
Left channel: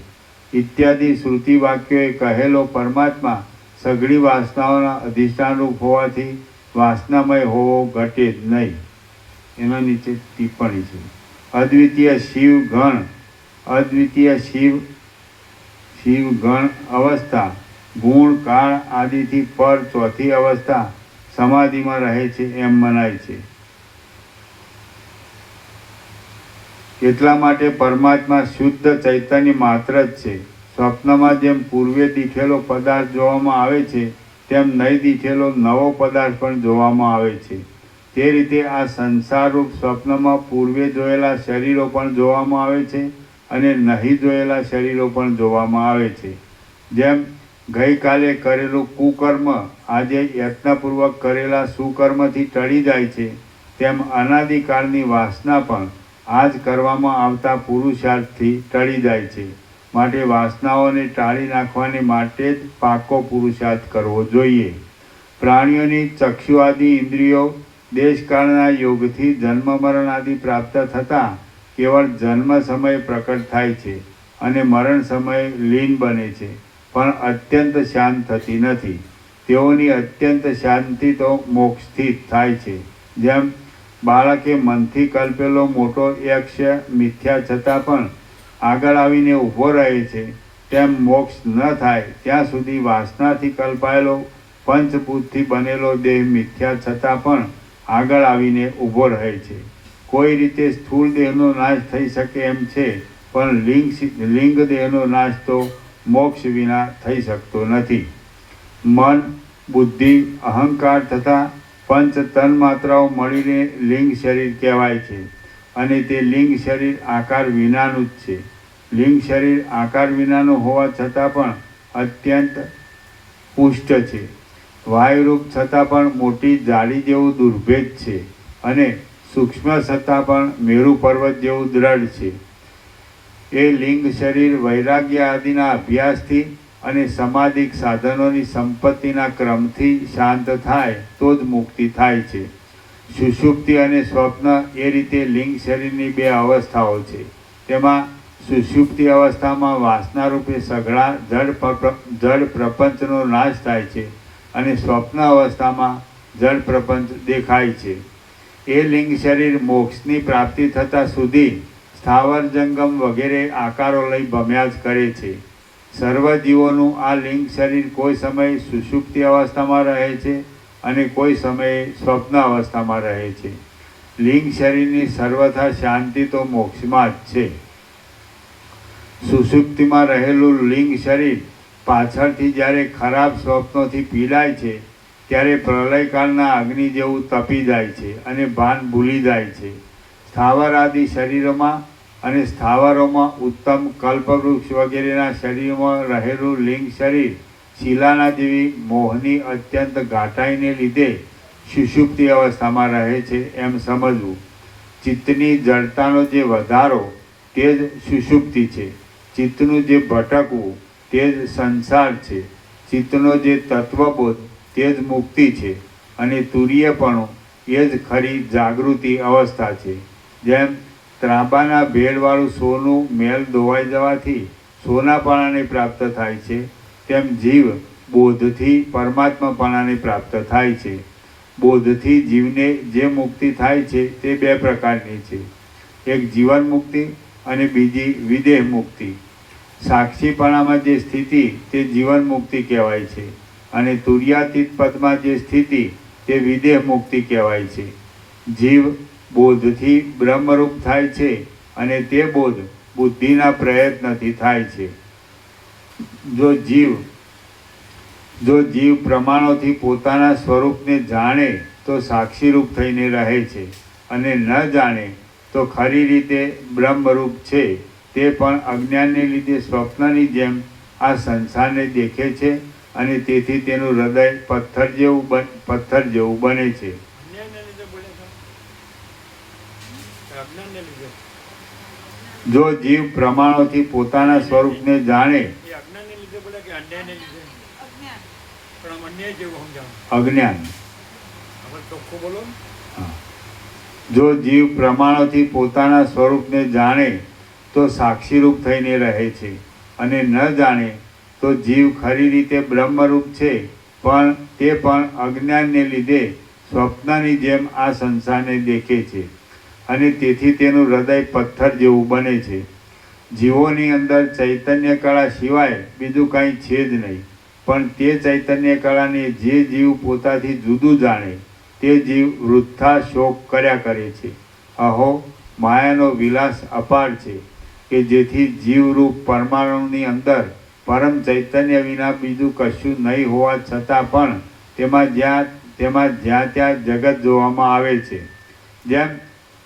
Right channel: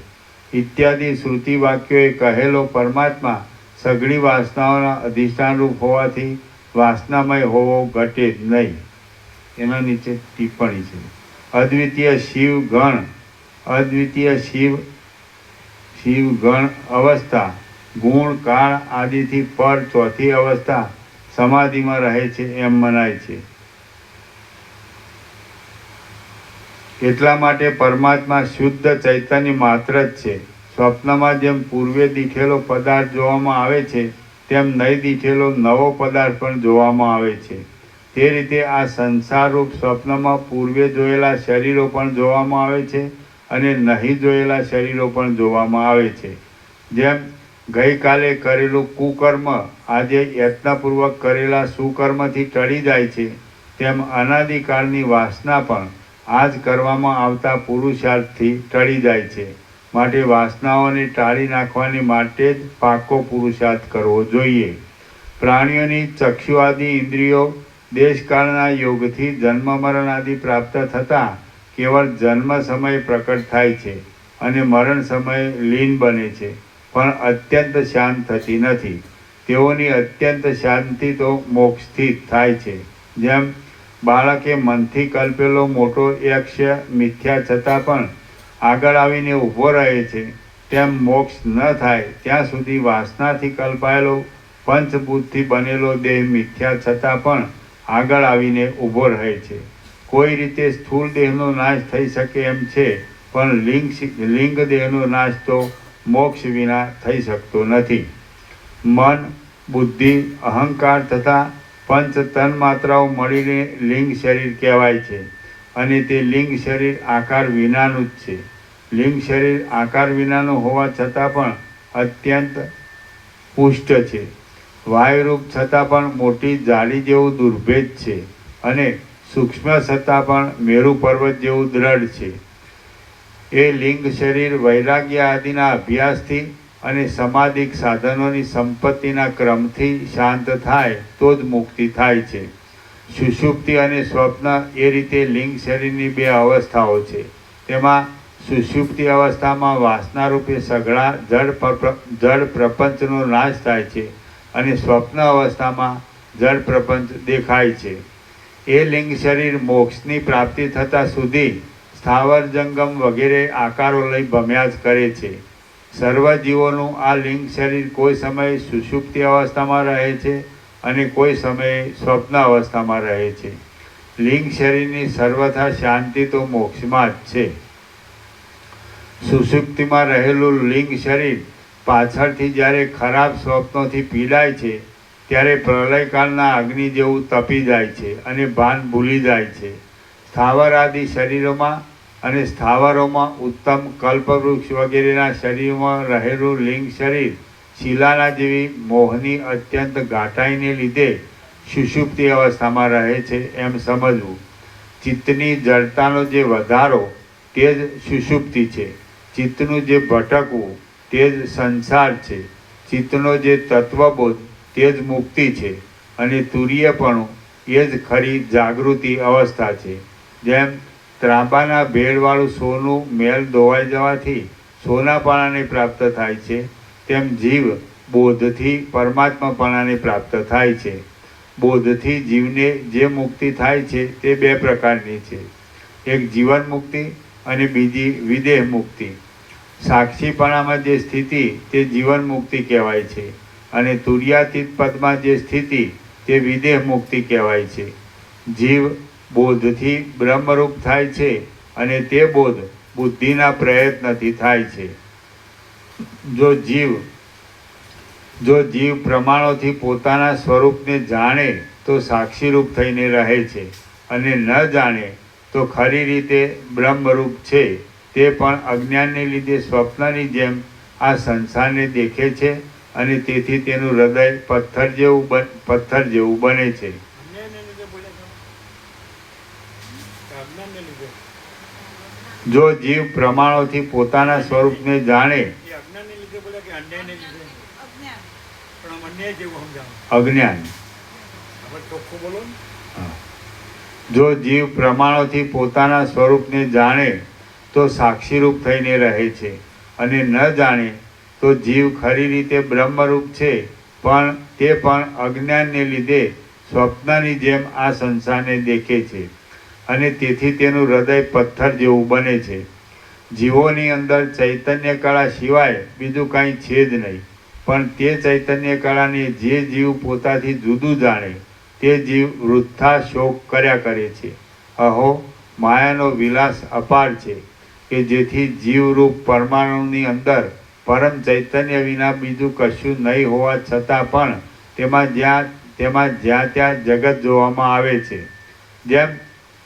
ઇત્યાદિ શ્રુતિ વાક્યોએ કહેલો પરમાત્મા સઘળી વાસનાઓના અધિષ્ઠાનરૂપ હોવાથી વાસનામય હોવો ઘટે જ નહીં. એના નીચે ટિપ્પણી છે. અદ્વિતીય શિવ ગણ અવસ્થા ગુણ કાળ આદિથી પર ચોથી અવસ્થા સમાધિમાં રહે છે એમ મનાય છે. એટલા માટે પરમાત્મા શુદ્ધ ચૈતન્ય માત્ર જ છે. સ્વપ્નમાં જેમ પૂર્વે દીઠેલો પદાર્થ જોવામાં આવે છે તેમ નહીં દીઠેલો નવો પદાર્થ પણ જોવામાં આવે છે. તે રીતે આ સંસારરૂપ સ્વપ્નમાં પૂર્વે જોયેલા શરીરો પણ જોવામાં આવે છે અને નહીં જોયેલા શરીરો પણ જોવામાં આવે છે. જેમ ગઈકાલે કરેલું કુકર્મ આજે યત્નપૂર્વક કરેલા સુકર્મથી ટળી જાય છે, તેમ અનાદિકાળની વાસના પણ આજ કરવામાં આવતા પુરુષાર્થથી ટળી જાય છે. માટે વાસનાઓને ટાળી નાખવાની માટે જ પાકો પુરુષાર્થ કરવો જોઈએ. પ્રાણીઓની ચક્ષુ આદિ ઇન્દ્રિયો દેશકાળના યોગથી જન્મ મરણ આદિ પ્રાપ્ત થતાં કેવળ જન્મ સમયે પ્રકટ થાય છે અને મરણ સમયે લીન બને છે, પણ અત્યંત શાંત થતી નથી. તેઓની અત્યંત શાંતિ તો મોક્ષથી થાય છે. જેમ બાળકે મનથી કલ્પેલો મોટો યક્ષ મિથ્યા છતાં પણ આગળ આવીને ઊભો રહે છે, તેમ મોક્ષ ન થાય ત્યાં સુધી વાસનાથી કલ્પાયેલો પંચભૂતથી બનેલો દેહ મિથ્યા છતાં પણ આગળ આવીને ઊભો રહે છે. કોઈ રીતે સ્થૂળ દેહનો નાશ થઈ શકે એમ છે, પણ લિંગ દેહનો નાશ તો મોક્ષ વિના થઈ શકતો નથી. મન, બુદ્ધિ, અહંકાર તથા પંચ તન માત્રાઓ મળીને લિંગ શરીર કહેવાય છે અને તે લિંગ શરીર આકાર વિનાનું જ છે. લિંગ શરીર આકાર વિનાનું હોવા છતાં પણ અત્યંત પુષ્ટ છે. વાયુરૂપ છતાં પણ મોટી જાળી જેવું દુર્ભેદ છે અને સૂક્ષ્મ છતાં પણ મેરુ પર્વત જેવું દ્રઢ છે. એ લિંગ શરીર વૈરાગ્ય આદિના અભ્યાસથી અને સમાધિક સાધનોની સંપત્તિના ક્રમથી શાંત થાય તો જ મુક્તિ થાય છે. સુષુપ્તિ અને સ્વપ્ન એ રીતે લિંગ શરીરની બે અવસ્થાઓ છે. તેમાં સુષુપ્તિ અવસ્થામાં વાસનારૂપે સઘળા જડ પ્રપંચનો નાશ થાય છે અને સ્વપ્ન અવસ્થામાં જડ પ્રપંચ દેખાય છે. એ લિંગ શરીર મોક્ષની પ્રાપ્તિ થતાં સુધી સ્થાવર જંગમ વગેરે આકારો લઈ ભમ્યા જ કરે છે. સર્વ જીવોનું આ લિંગ શરીર કોઈ સમયે સુષુપ્તિ અવસ્થામાં રહે છે અને કોઈ સમયે સ્વપ્ન અવસ્થામાં રહે છે. લિંગ શરીરની સર્વથા શાંતિ તો મોક્ષમાં જ છે. સુષુપ્તિમાં રહેલું લિંગ શરીર પાછળથી જ્યારે ખરાબ સ્વપ્નોથી પીડાય છે ત્યારે પ્રલયકાળના અગ્નિ જેવું તપી જાય છે અને ભાન ભૂલી જાય છે. સ્થાવર આદિ શરીરોમાં અને સ્થાવરોમાં ઉત્તમ કલ્પવૃક્ષ વગેરેના શરીરમાં રહેલું લિંગ શરીર શિલાના જેવી મોહની અત્યંત ઘાટાઈને લીધે સુષુપ્તિ અવસ્થામાં રહે છે એમ સમજવું. ચિત્તની જડતાનો જે વધારો તે જ સુષુપ્તિ છે. ચિત્તનું જે ભટકવું તે જ સંસાર છે. ચિત્તનો જે તત્વબોધ તે જ મુક્તિ છે અને તુરીયપણું એ જ ખરી જાગૃતિ અવસ્થા છે. જેમ ત્રાંબાના ભેળવાળું સોનું મેલ ધોવાઈ જવાથી સોનાપણાને પ્રાપ્ત થાય છે, તેમ જીવ બોધથી પરમાત્માપણાને પ્રાપ્ત થાય છે. બોધથી જીવને જે મુક્તિ થાય છે તે બે પ્રકારની છે. એક જીવન મુક્તિ અને બીજી વિદેહ મુક્તિ. સાક્ષીપણામાં જે સ્થિતિ તે જીવન મુક્તિ કહેવાય છે અને તુર્યાતીત પદમાં જે સ્થિતિ તે વિદેહ મુક્તિ કહેવાય છે. જીવ બોધથી બ્રહ્મરૂપ થાય છે અને તે બોધ બુદ્ધિના પ્રયત્નથી થાય છે. જો જીવ પ્રમાણોથી પોતાના સ્વરૂપને જાણે તો સાક્ષીરૂપ થઈને રહે છે અને ન જાણે તો ખરી રીતે બ્રહ્મરૂપ છે, તે પણ અજ્ઞાનને લીધે સ્વપ્નની જેમ આ સંસારને દેખે છે અને તેથી તેનું હૃદય પથ્થર જેવું બને છે. અન્યાયને લીધે બોલ્યા છો કે અજ્ઞાનને લીધે? જો જીવ પ્રમાણોથી પોતાના સ્વરૂપને જાણે, એ અજ્ઞાનને લીધે બોલ્યા કે અન્યાયને લીધે? અજ્ઞાન. પણ આમ અન્યાય જેવું સમજાવો. અજ્ઞાન. હવે ચોખ્ખું બોલો ને. જો જીવ પ્રમાણોથી પોતાના સ્વરૂપને જાણે તો સાક્ષીરૂપ થઈને રહે છે, અને ન જાણે તો જીવ ખરી રીતે બ્રહ્મરૂપ છે, પણ તે પણ અજ્ઞાનને લીધે સ્વપ્નની જેમ આ સંસારને દેખે છે અને તેથી તેનું હૃદય પથ્થર જેવું બને છે. જીવોની અંદર ચૈતન્ય કળા સિવાય બીજું કાંઈ છે જ નહીં, પણ તે ચૈતન્ય કળાને જે જીવ પોતાથી જુદું જાણે તે જીવ વૃથા શોક કર્યા કરે છે. અહો, માયાનો વિલાસ અપાર છે કે જેથી જીવરૂપ પરમાણુની અંદર પરમ ચૈતન્ય વિના બીજું કશું નહીં હોવા છતાં પણ તેમાં જ્યાં ત્યાં જગત જોવામાં આવે છે. જેમ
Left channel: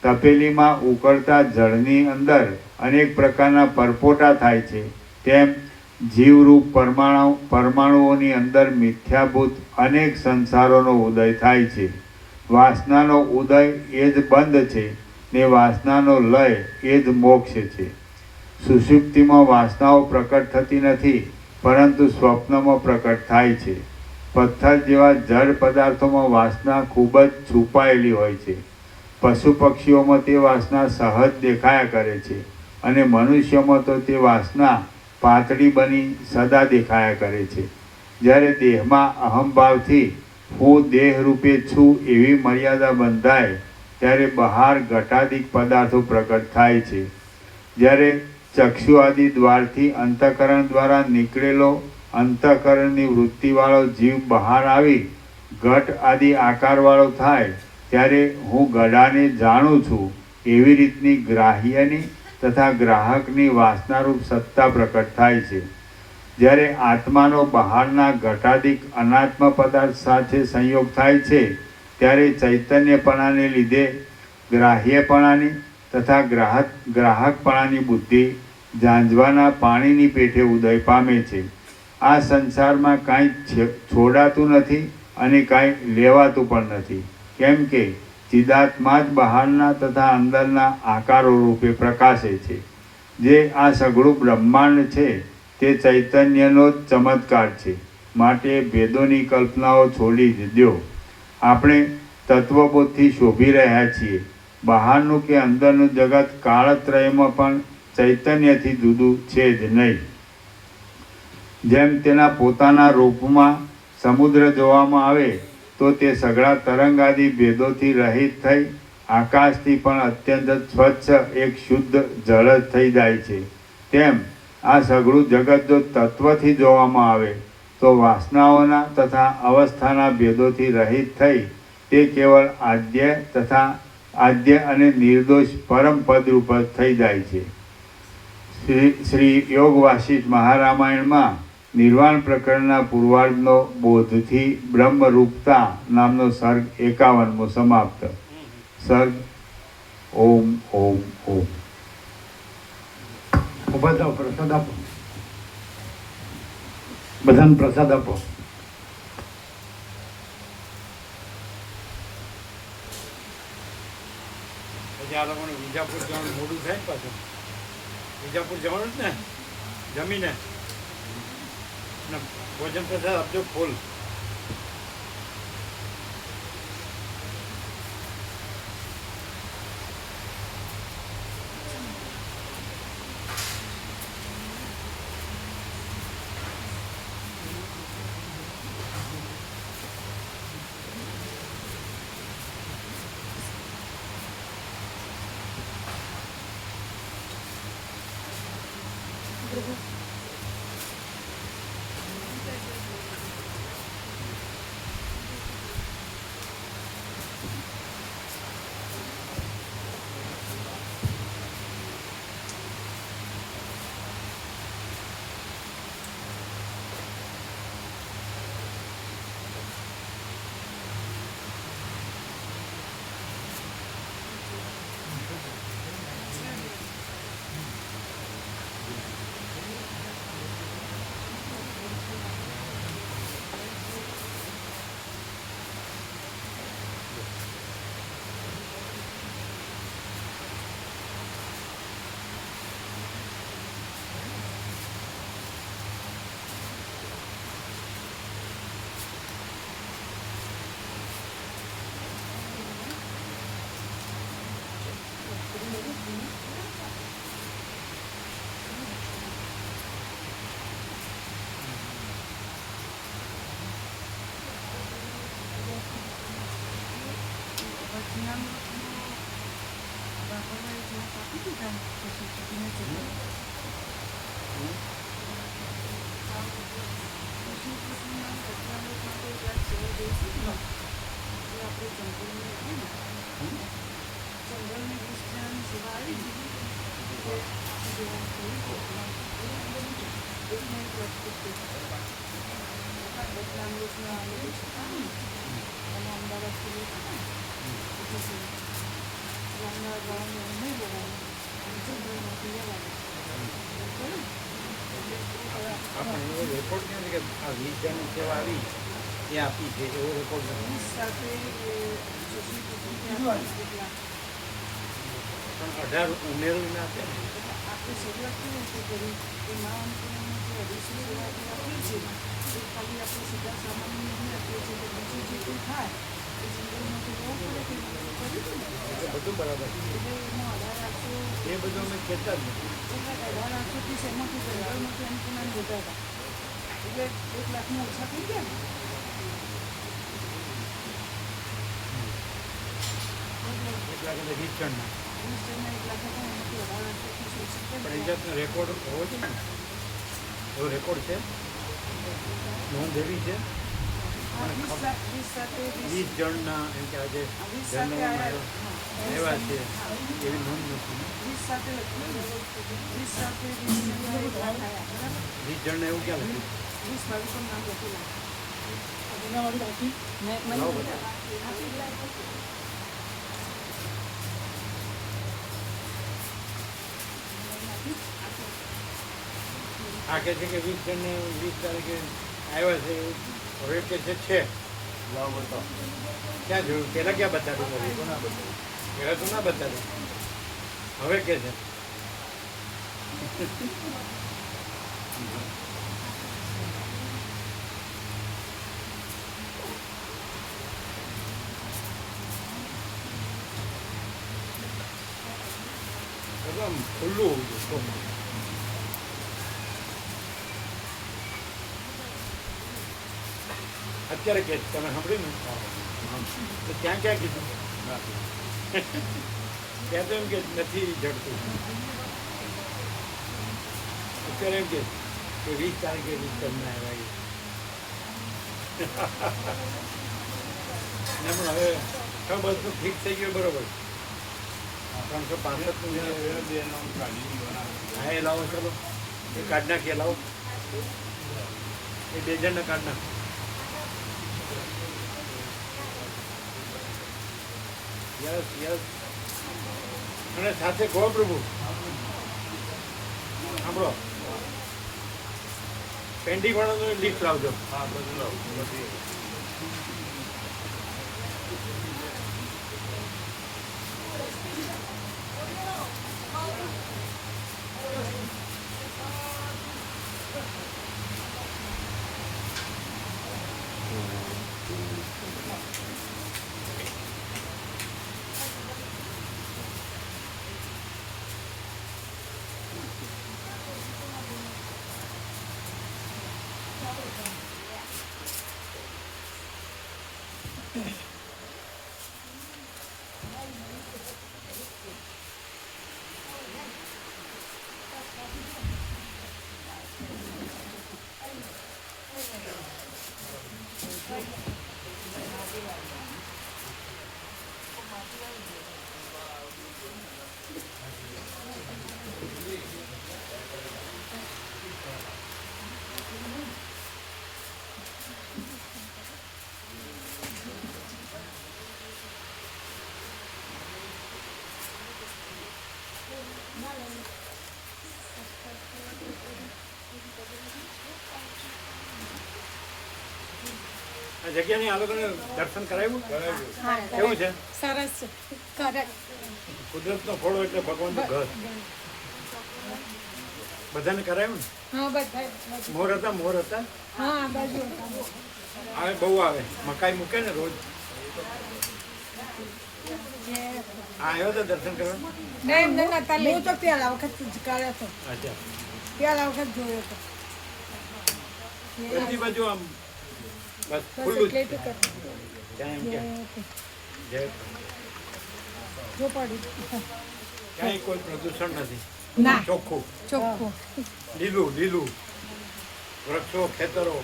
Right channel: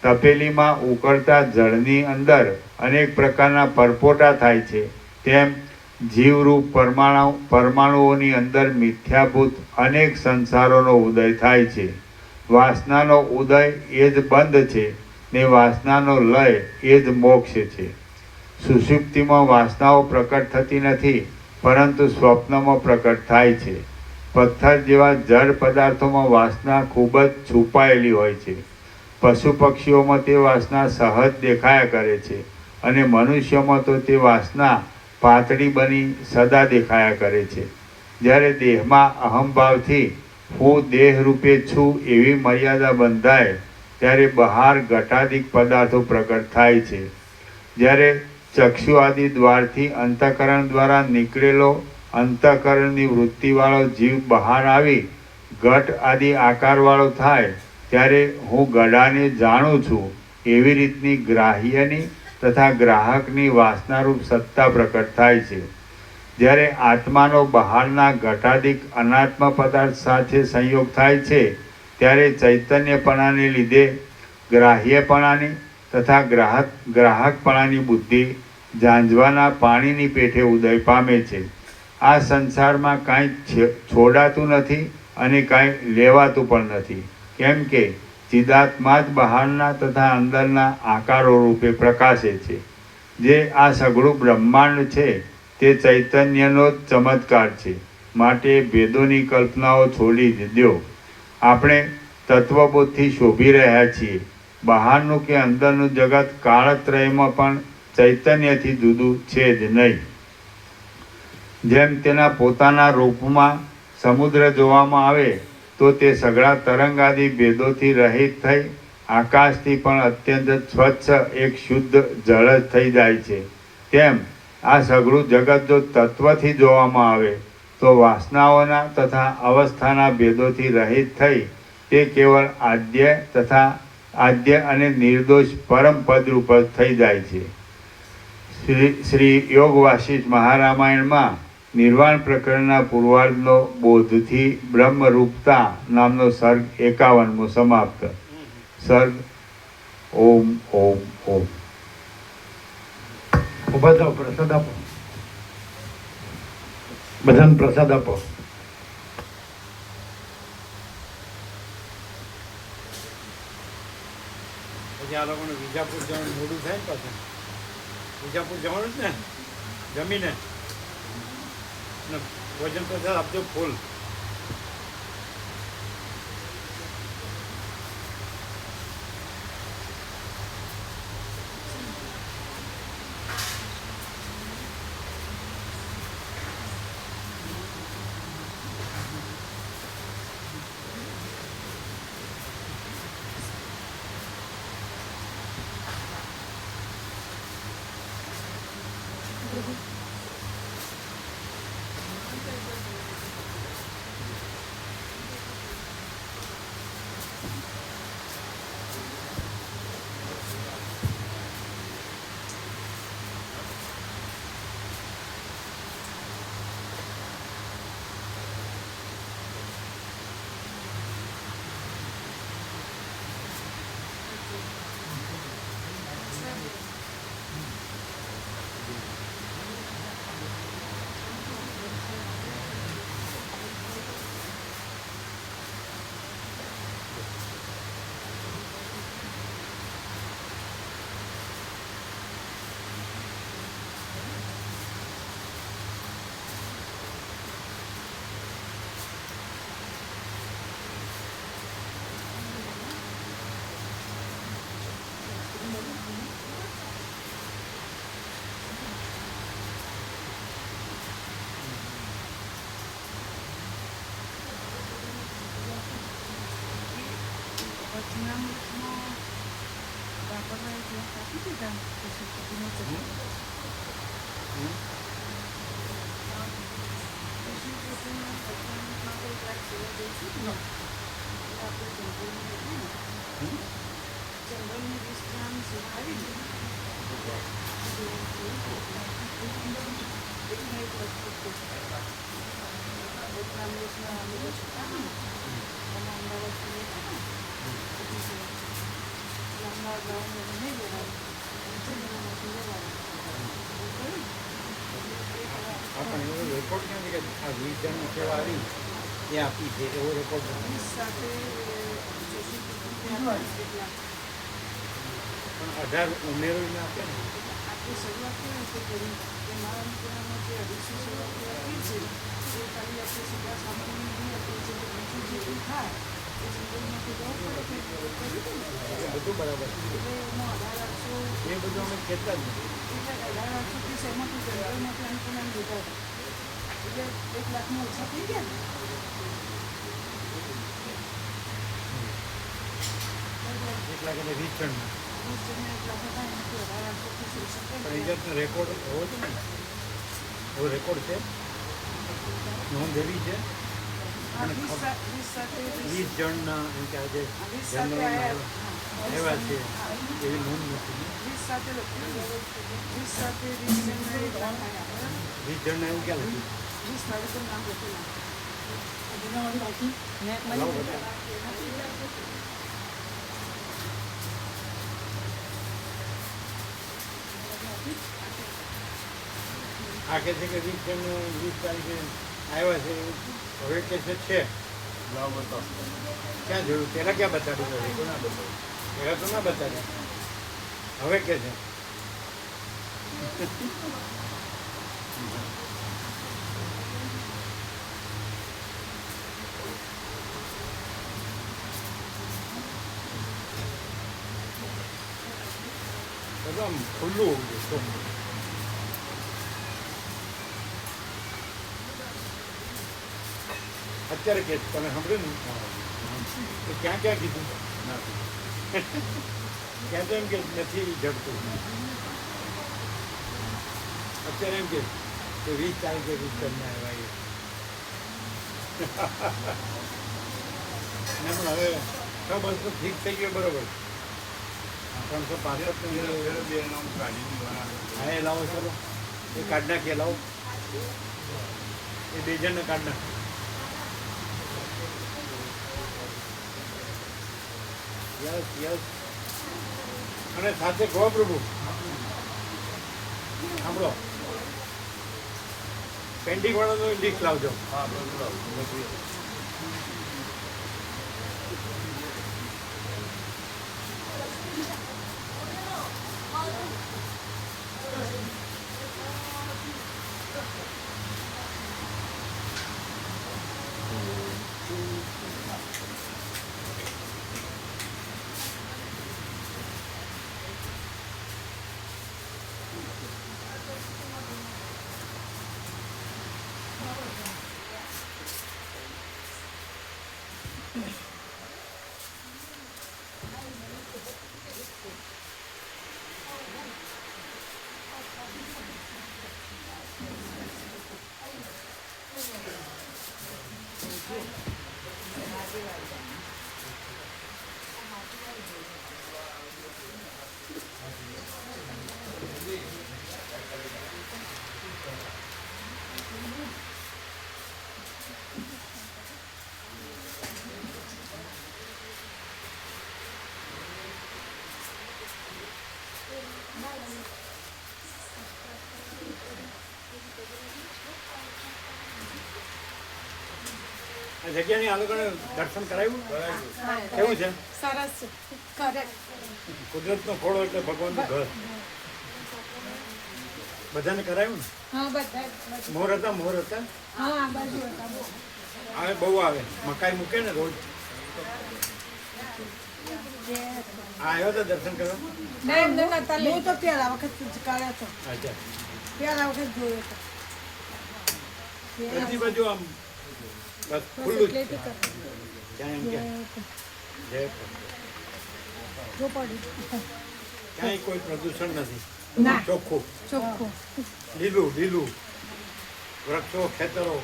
તપેલીમાં ઉકળતા જળની અંદર અનેક પ્રકારના પરપોટા થાય છે, તેમ જીવરૂપ પરમાણુઓની અંદર મિથ્યાભૂત અનેક સંસારોનો ઉદય થાય છે. વાસનાનો ઉદય એ જ બંધ છે ને વાસનાનો લય એ જ મોક્ષ છે. સુષુપ્તિમાં વાસનાઓ પ્રકટ થતી નથી, પરંતુ સ્વપ્નમાં પ્રકટ થાય છે. પથ્થર જેવા જળ પદાર્થોમાં વાસના ખૂબ જ છુપાયેલી હોય છે. પશુ પક્ષીઓમાં તે વાસના સહજ દેખાયા કરે છે અને મનુષ્યમાં તો તે વાસના પાતળી બની સદા દેખાયા કરે છે. જ્યારે દેહમાં અહંભાવથી હું દેહ રૂપે છું એવી મર્યાદા બંધાય ત્યારે બહાર ઘટાદિક પદાર્થો પ્રકટ થાય છે. જ્યારે ચક્ષુ આદિ દ્વારથી અંતઃકરણ દ્વારા નીકળેલો અંતઃકરણની વૃત્તિવાળો જીવ બહાર આવી ઘટ આદિ આકારવાળો થાય ત્યારે હું ગળાને જાણું છું એવી રીતની ગ્રાહ્યની તથા ગ્રાહકની વાસનારૂપ સત્તા પ્રકટ થાય છે. જ્યારે આત્માનો બહારના ઘટાદિક અનાત્મ પદાર્થ સાથે સંયોગ થાય છે ત્યારે ચૈતન્યપણાને લીધે ગ્રાહ્યપણાની તથા ગ્રાહકપણાની બુદ્ધિ ઝાંઝવાના પાણીની પેઠે ઉદય પામે છે. આ સંસારમાં કાંઈ છોડાતું નથી અને કાંઈ લેવાતું પણ નથી, કેમ કે ચિદાત્મા જ બહારના તથા અંદરના આકારો રૂપે પ્રકાશે છે. જે આ સઘળું બ્રહ્માંડ છે તે ચૈતન્યનો જ ચમત્કાર છે. માટે ભેદોની કલ્પનાઓ છોડી જ દો. આપણે તત્વબોધથી શોભી રહ્યા છીએ. બહારનું કે અંદરનું જગત કાળત્રયમાં પણ ચૈતન્યથી જુદું છે જ નહીં. જેમ તેના પોતાના રૂપમાં સમુદ્ર જોવામાં આવે તો તે સઘળા તરંગાદી ભેદોથી રહિત થઈ આકાશથી પણ અત્યંત સ્વચ્છ એક શુદ્ધ જળ જ થઈ જાય છે, તેમ આ સઘળું જગત જો તત્વથી જોવામાં આવે તો વાસનાઓના તથા અવસ્થાના ભેદોથી રહિત થઈ તે કેવળ આદ્ય અને નિર્દોષ પરમ પદરૂપ જ થઈ જાય છે. શ્રી યોગ વાસિષ્ઠ મહારામાયણમાં નિર્વાણ પ્રકરણના પૂર્વાર્ધનો બોધથી બ્રહ્મરૂપતા નામનો સર્ગ 51મો સમાપ્ત. સર્ગ ઓમ ઓમ ઓમ. ઉભા થાઓ, પ્રસાદ આપો. બધાને પ્રસાદ આપો. પછી આ લોકોને વિજાપુર જવાનું મોડું થાય ને પાછું. વિજાપુર જવાનું જ ને જમીને ને ભોજન પ્રસાદ આપજો ફૂલ. જંગલની વિશ્રામ સેવા આવી છે એક લગભગ બદનામ દેશના લોકો છતાં ને અને અમદાવાદથી લેતા ને સેવા અમદાવાદ વાળાને નહીં લેવાનું અને જંગલમાંથી લેવાનું આપણે એવો રેકોર્ડ ક્યાં છે કે આ 20 જણની સેવા આવી એ આપી છે એવો રેકોર્ડ નથી. સાથે પણ 18 ઉમેરવી ના આપે ને. આપણે શરૂઆત કેવી રીતે કરી કે મા અન્નપૂર્ણામાં જે 250 સેવા આપી છે એ ખાલી આપણે સીધા સામાન્ય નહીં આપીએ છીએ તો બીજું જે કંઈ થાય એ જંગલમાંથી જવું પડે કે કર્યું હતું ને એ બધું બરાબર છે. એટલે એમાં 1800 એ બધું અમે કહેતા જ નથી. એટલે 1830 એમાંથી જંગલમાંથી અન્નપૂર્ણા લીધા હતા એટલે 1 લાખની ઓછા થઈ ગયા ને 1 લાખ એટલે 20 જણના. 20 જણને 1 લાખ હતા એમાંથી 1830 ઓછા પણ એ કરી જાતનો રેકોર્ડ હોવો જોઈએ ને. એવો રેકોર્ડ છે, નોંધ એવી છે. અને 20 સાથે 20 જણના એમ કે આજે 20 સાથે જનરલમાં આવ્યા છે એવી નોંધ નથી. 20 સાથે લખ્યું 20 સાથે 20 જણના 1 લાખ આવ્યા બરાબર 20 જણને એવું ક્યાં લખ્યું? 20 બાળકોનું નામ લખી લાવો બધા. આ કહે છે કે 20 જણને 20 તારીખે આવ્યા છે, હવે કે છે ક્યાં જોયું? પહેલાં ક્યાં બતાડ્યું નથી? પહેલાં તો ના બતાડ્યું, હવે કે છે. બધું આમ ખુલ્લું હોવું જોઈએ ચોખ્ખું. અત્યારે કે તમે સાંભળ્યું ને તો ક્યાં ક્યાં કીધું? ત્યાં તો એમ કે નથી જડતું. અત્યારે એમ કે 20 તારીખે 20 જણના આવ્યા ના પણ હવે 6 બસ તો ફિક્સ થઈ ગયો બરોબર. 365 હા એ લાવો, ચલો એ કાઢ નાખીએ, લાવો એ 2 જણને કાઢ નાખો. Yes yes. અને સાથે ગો પ્રભુ સાંભળો, પેન્ડિંગ વાળાનું લિસ્ટ લાવજો. આ જગ્યાની આ લોકોને દર્શન કરાવ્યું? કેવું છે? સરસ કરેક્ટ કુદરતનો ખોળો એટલે ભગવાનનું ઘર. બધાને કરાવ્યું ને? હા બધા મોર હતા? મોર હતા? હા બાજુ આવે, બહુ આવે. મકાઈ મૂકે ને રોજ. આ આવ્યો તો દર્શન કરવા? હું તો પેલા વખત જ કર્યો હતો અચ્છા. પેલા વખત જોયો હતો બધી બાજુ આમ બસ ખુલ્લું જ છે. ક્યાં એમ કે જય જો પડી ક્યાં કાંઈ કોઈ પ્રદૂષણ નથી ના. ચોખ્ખું ચોખ્ખું. લીલું લીલું વૃક્ષો ખેતરો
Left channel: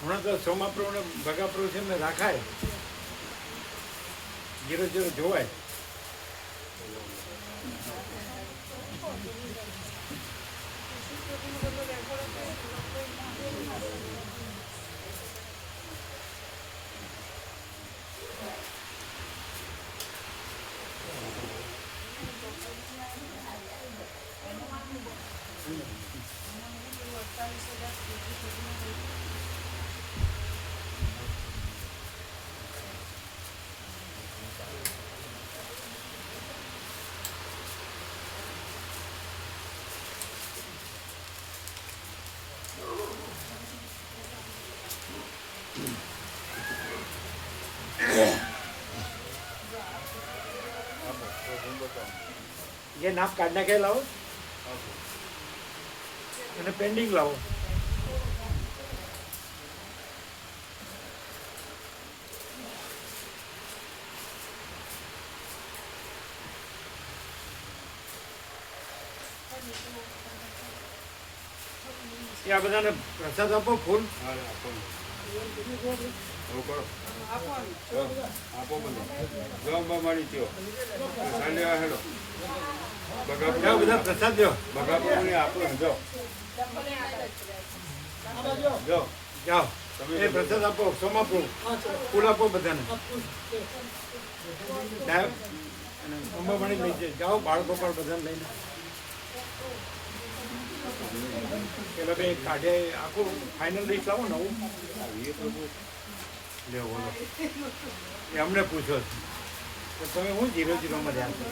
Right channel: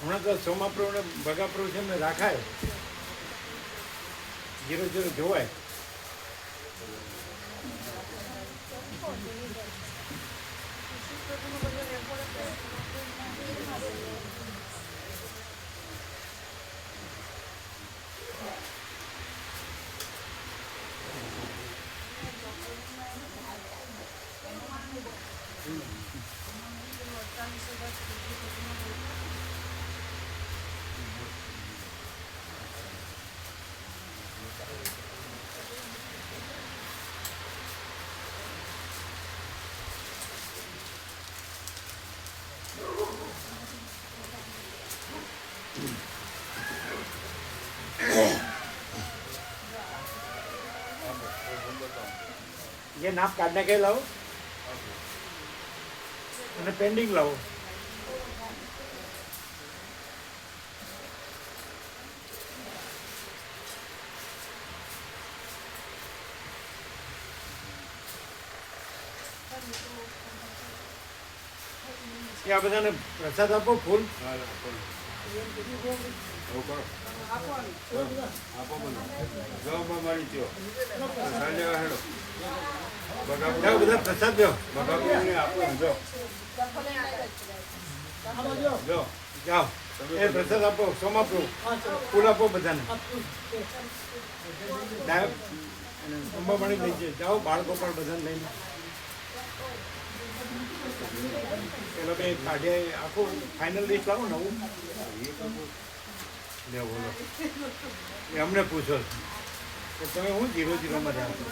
હમણાં તો સોમાપ્રભુ ને ભગાપ્રભુ છે એમને રાખાય જીરો જીરો જોવાય ये नाप काटने के लाओ અને પેન્ડિંગ લાવો એ આ બધાને પ્રસાદ આપો ફૂલ જાઓ બધા પ્રસાદ દો જાઓ એ પ્રસાદ આપો સોમાપ્રભુ ફૂલ આપો બધાને અને અંબામાણી લઈ જાય જાઓ બાળકો પણ બધાને લઈને પેલા બે કાઢે આખું ફાઇનલ લિસ્ટ લાવો નવું લે બોલો એ અમને પૂછો કે તમે હું 0-0 રહ્યા છો